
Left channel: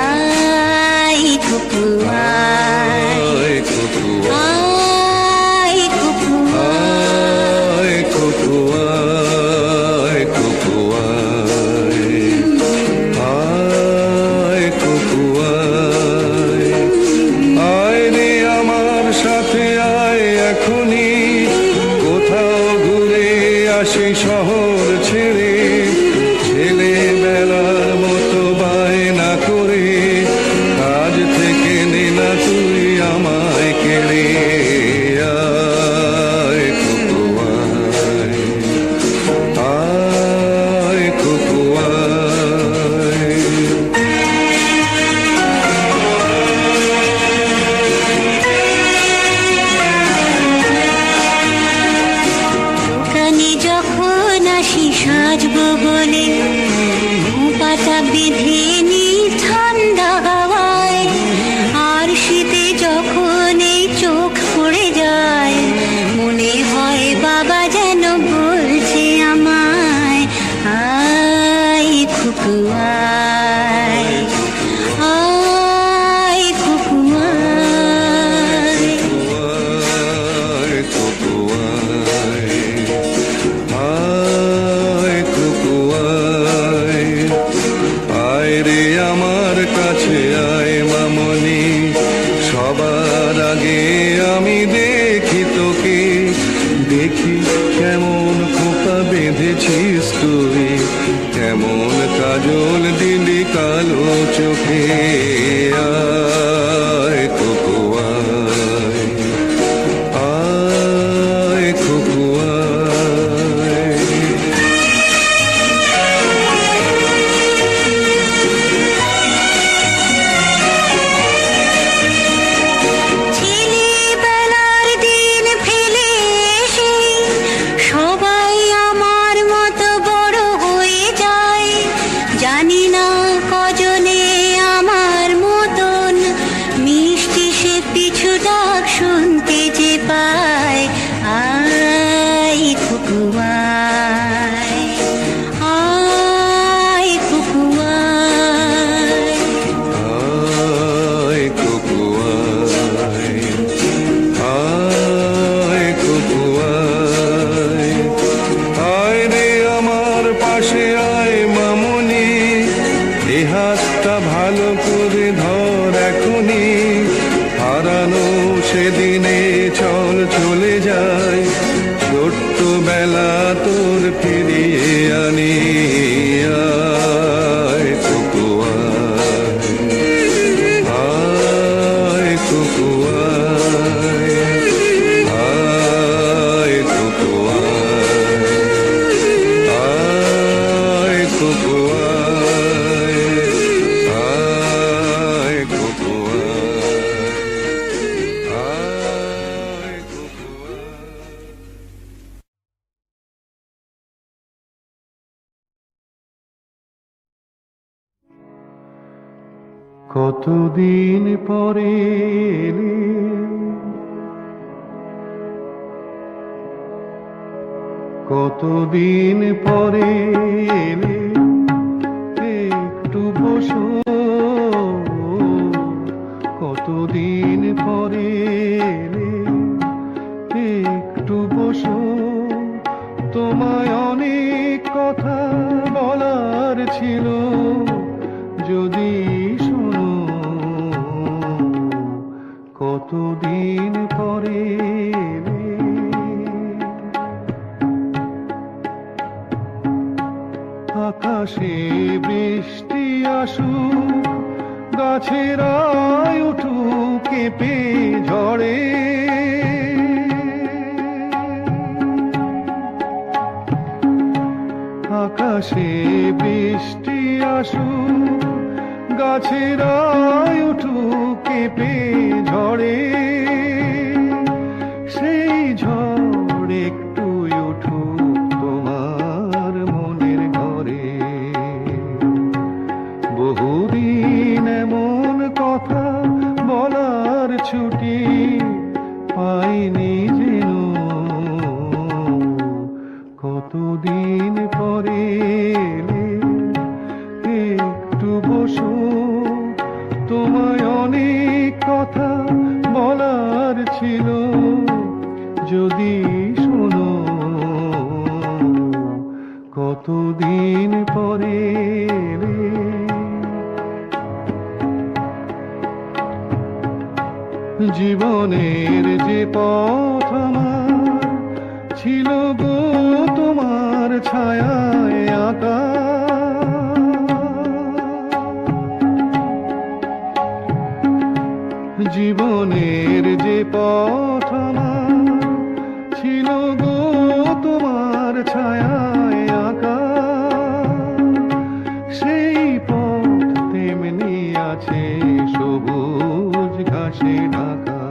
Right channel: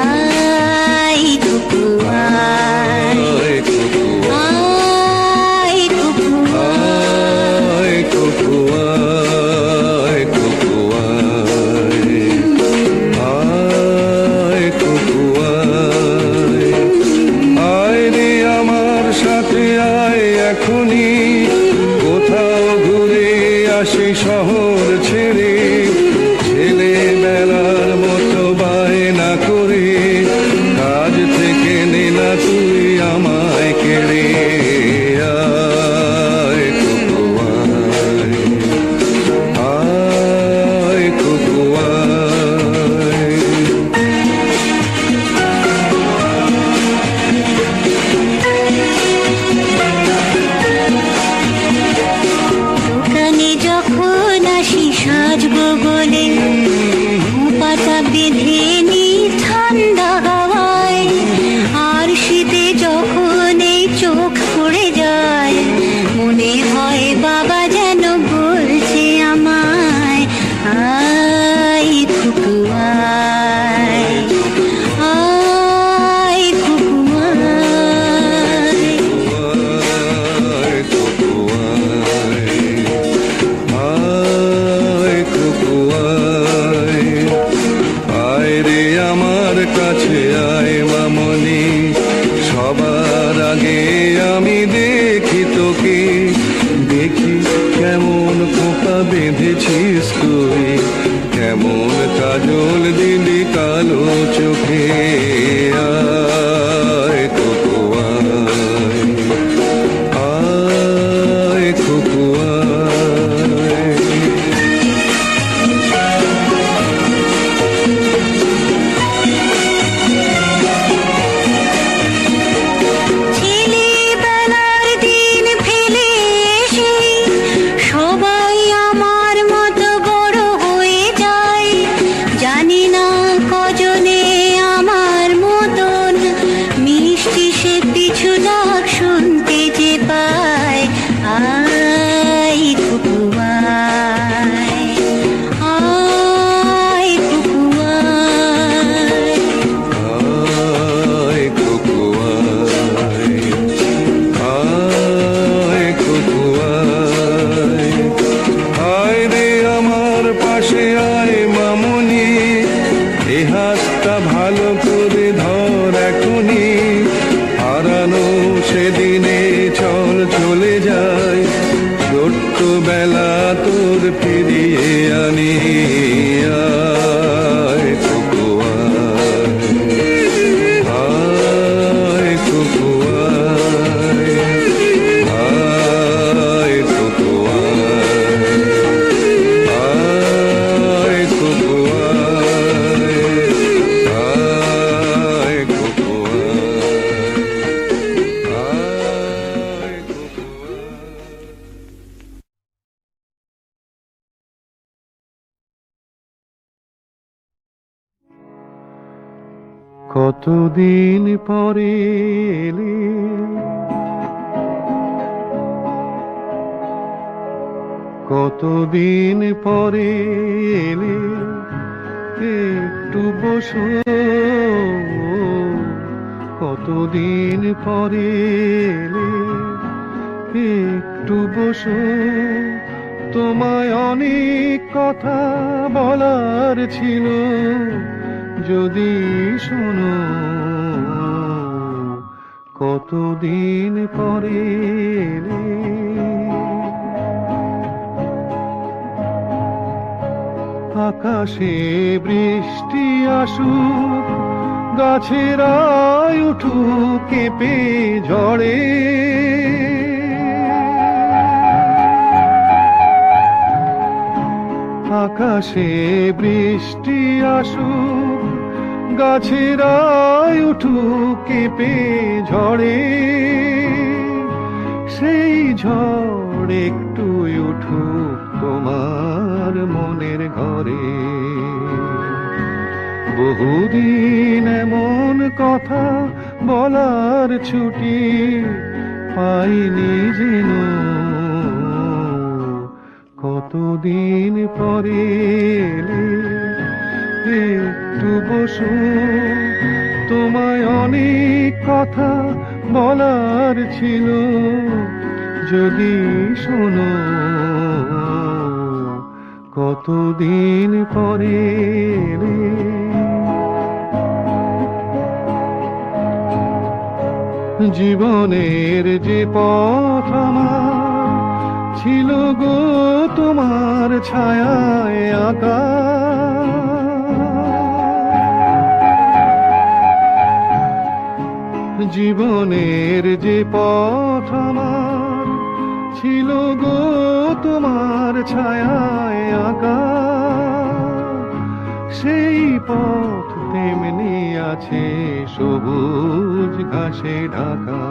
আয় কুকু আয়, আয় কুকু আয় কুকু আয়, কুকু আয়, কুকু আয়, আয় কুকু আয়। আয় রে আমার সাথে আয় এখনই, কোথাও ঘুরে আসি শহর ছেড়ে, ছেলেবেলার মতো বায়না করে, কাজ থেকে নে না তুই আমায় কেড়ে। আয় কুকু আয়, আয় কুকু আয়। দোকানে যখন আসি সাজবো বলে, পাতা বেঁধে নি ঠান্ডা হাওয়ায়, আর শীতে যখন এই চোখ পড়ে যায়, মনে হয় বাবা যেন বলছে আমায় আয় কুকু আয়, আয় কুকু আয়। আয় কুকু আয়, আয় কুকু আয়, আয় রে আমার কাছে আয় মামনি, সবার আগে আমি দেখি তোকে, দেখি কেমন খোপা বেঁধেছিস তুই, কেমন কাজল দিলি কালো চোখে। আয় কুকু আয়, আয় কুকু আয়। ছেলেবেলার দিন ফেলে এসে সবাই আমার মতো বড় হয়ে যায়, জানি না কজনে আমার মতন মিষ্টি সে পিছু ডাক শুনতে যে পায় আয় কুকু আয়, আয় কুকু আয়। আয় কুকু আয়, আয় কুকু আয়, আয় রে আমার পাশে আয় মামনি, এ হাতটা ভালো করে ধর এখনি, হারানো সেদিনে চল চলে যায়, ছোট্টবেলা তোর ফিরিয়ে আনি। আয় কুকু আয়, আয় কুকু আয়, আয় কুকু আয়, আয় কুকু আয়, আয় কুকু আয়, আয় কুকু আয়। কতদিন পরে এলে, কতদিন পরে এলে, একটু বসো কতদিন পরে এলে, একটু বসো, তোমায় অনেক কথা বলার ছিল, যদি শোনো, কতদিন পরে এলে। আকাশে বৃষ্টি আসুক, গাছের আয় উঠুক কেঁপে ঝড়ে, আকাশে বৃষ্টি আসুক, গাছের আয় উঠুক কেঁপে ঝড়ে, সেই ঝড় একটু উঠুক তোমার মনের ঘরে। বহুদিন এমন কথা বলার ছুটি পাইনি যেন, কতদিন পরে এলে, একটু বসো, তোমায় অনেক কথা বলার ছিল, যদি শোনো, কতদিন পরে এলে। জীবনের যে পথ আমার ছিল গো তোমার ছায়ায় আঁকা, জীবনের যে পথ আমার ছিল গো তোমার ছায়ায় আঁকা, সেই পথ তেমনি আছে সবুজ ঘাসে ঢাকা।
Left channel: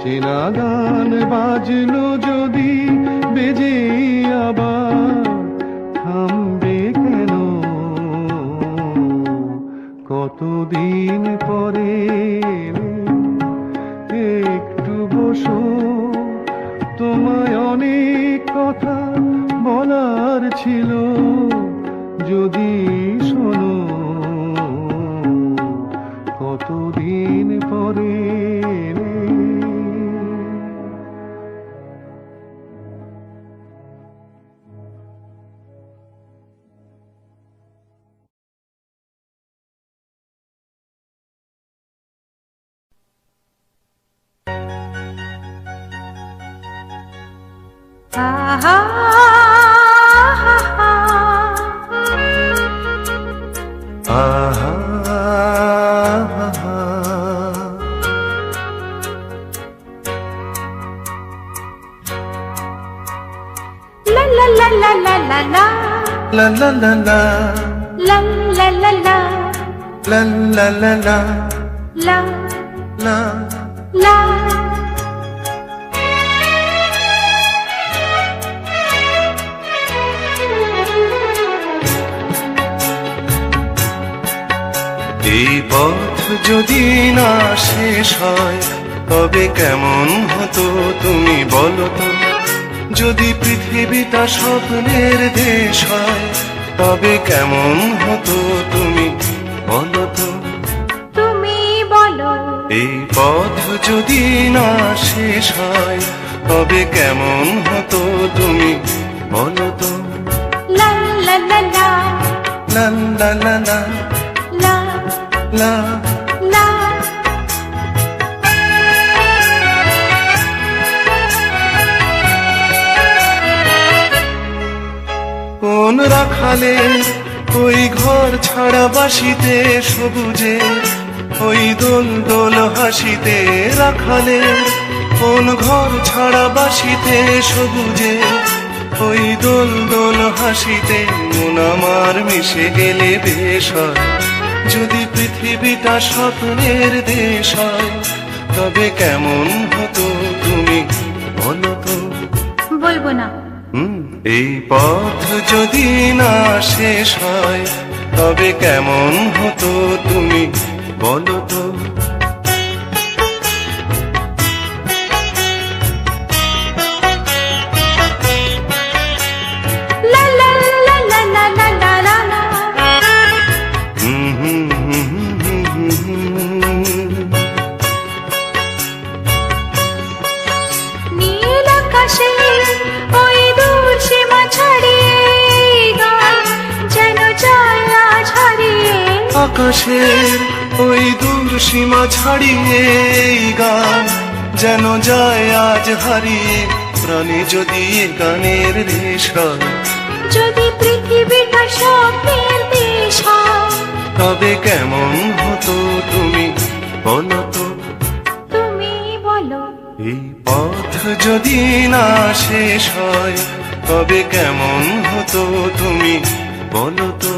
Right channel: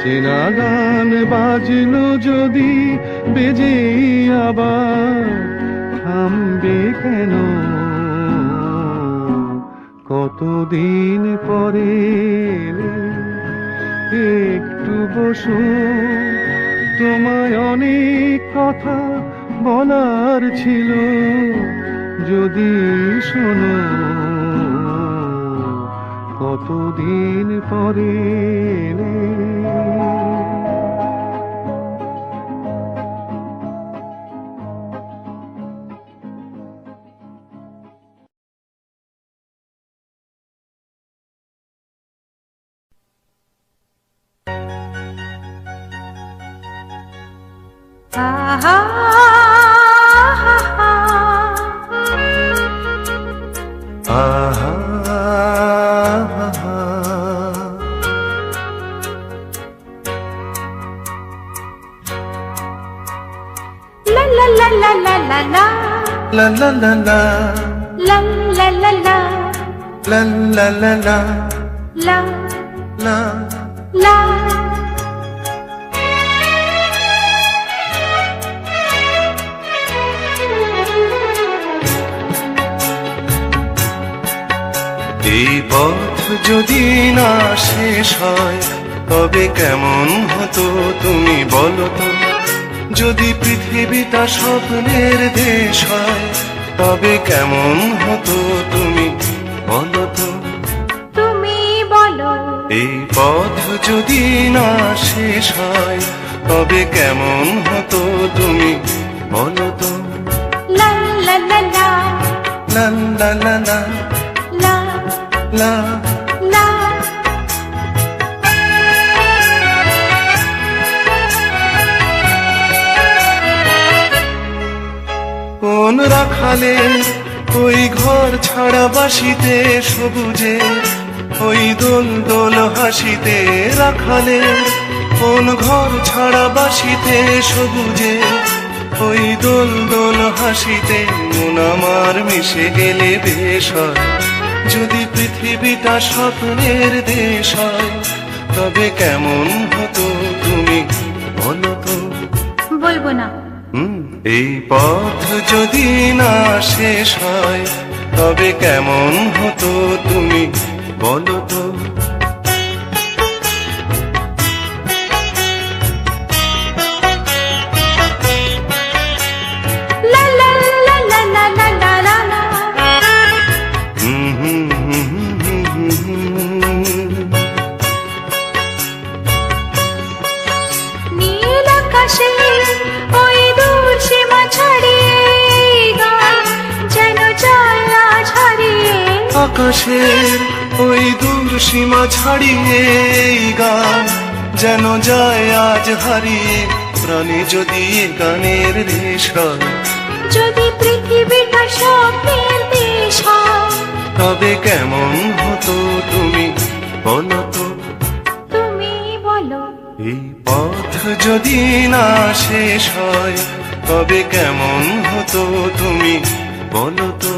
চেনা গান বাজলো যদি বেজে আবার, থামবে কেন, কতদিন পরে এলে, একটু বসো, তোমায় অনেক কথা বলার ছিল, যদি শোনো, কতদিন পরে এলে। আহা, আহা, লা লা লা লা লা লা লা, la la la la, লা লা লা লা, la la la la, লা la. লা। এই পথ যদি না শেষ হয়, তবে কেমন হতো তুমি বলো তো। যদি পৃথিবীটা স্বপ্নের দেশ হয়, তবে কেমন হতো তুমি বলো তো। তুমি বলো, এই পথ যদি না শেষ হয়, তবে কেমন হতো তুমি বলো তো। লা লা লা লা, লা লা লা লা, লা লা। লা। কোন রাখালে ওই ঘর ছাড়া বাসিতে সবুজে, ওই দোল দোল হাসিতে রাখালে, কোন ঘর ছাড়া বাসিতে সবুজে, ওই দোল দোল হাসিতে মন আমার মিশে গেলে বেশ হয়। যদি পৃথিবীটা স্বপ্নের দেশ হয়, তবে কেমন হতো তুমি বলো তো। বলবো না। এই পথ যদি না শেষ হয়, তবে কেমন হতো তুমি বলো তো। লা লা লা লা লা লা লা লা। আকাশের ওই দূর সীমা ছাড়িয়ে এই গান যেন যায় আজ হারিয়ে, প্রাণে যদি এ গানের রেশ হয়, যদি পৃথিবীটা স্বপ্নের দেশ হয়, তবে কেমন হতো তুমি বলো তো। তুমি বলো। এই পথ যদি না শেষ হয়, তবে কেমন হতো তুমি বলো তো।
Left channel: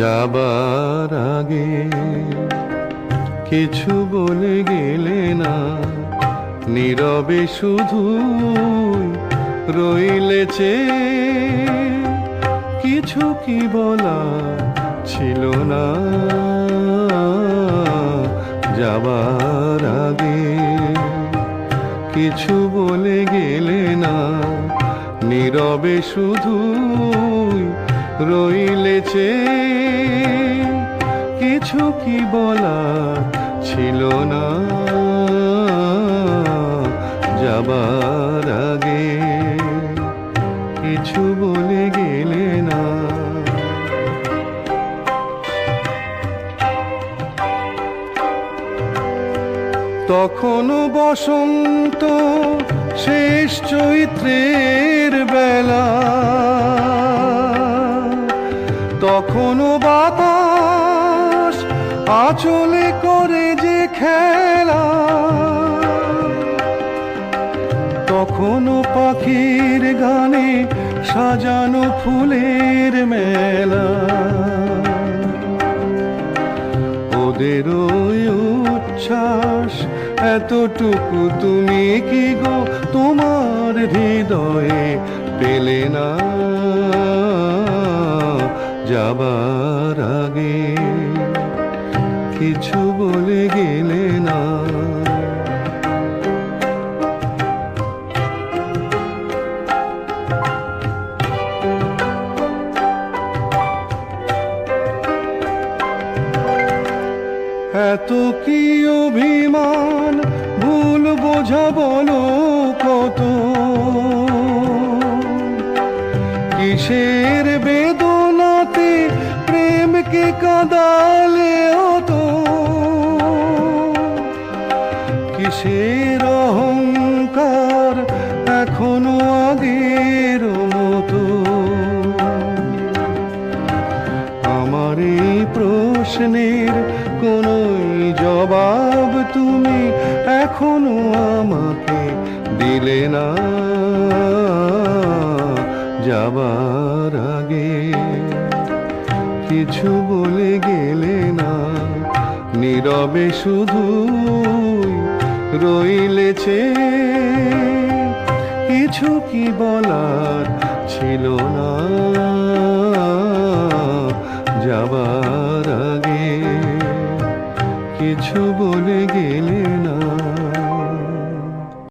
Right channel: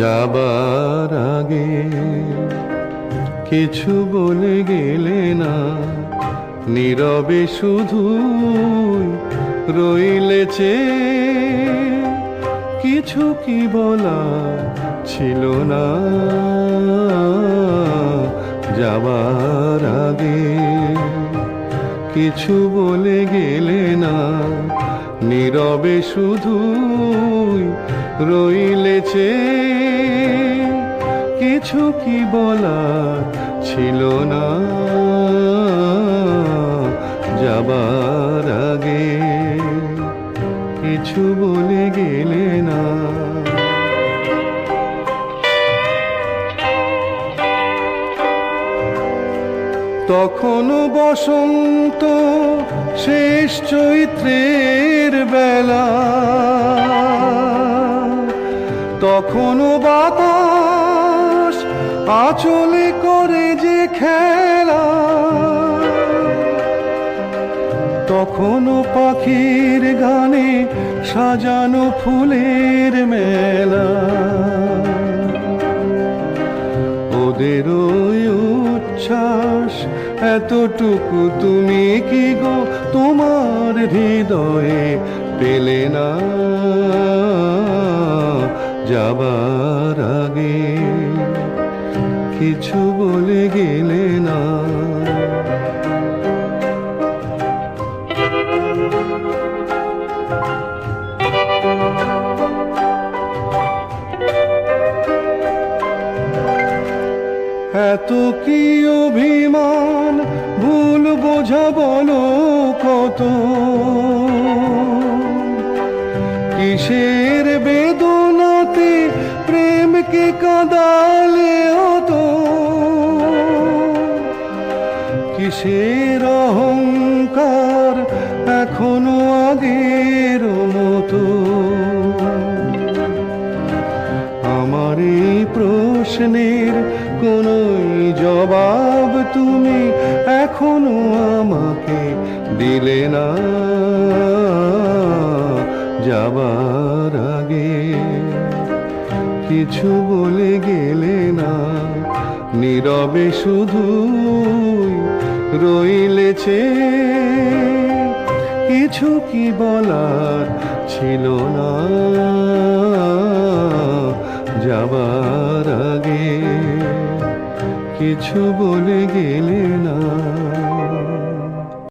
যাবার আগে কিছু বলে গেলে না, নীরবে শুধু রইলে চেয়ে। কিছু কি বলা ছিল না যাবার আগে, কিছু বলে গেলে না, নীরবে শুধু রইলে চেয়ে। কিছু কি বলা ছিল না যাবার আগে, কিছু বলে গেলে না। তখনও বসন্ত শেষ চৈত্রের বেলা, তখনও বাতাস আঁচলে করে যে খেলা, তখনও পাখির গানে সাজানো ফুলের মেলা। ওদের ওই উচ্ছ্বাস এতটুকু তুমি কি গো তোমার হৃদয়ে পেলে না যাবার আগে, কিছু বলে গেলে না। এত কি অভিমান ভুল বোঝা বলো কত, কিসের বেদনাতে প্রেমকে কাঁদালে তো, কিসের অহংকার এখনো আগের মতো। আমার এই প্রশ্নের কোনোই জবাব তুমি এখনো আমাকে দিলে না। যাবার আগে কিছু বলে গেলে না, নীরবে শুধু রইলেছে। কিছু কি বলার ছিল না যাবার আগে, কিছু বলে গেলে না।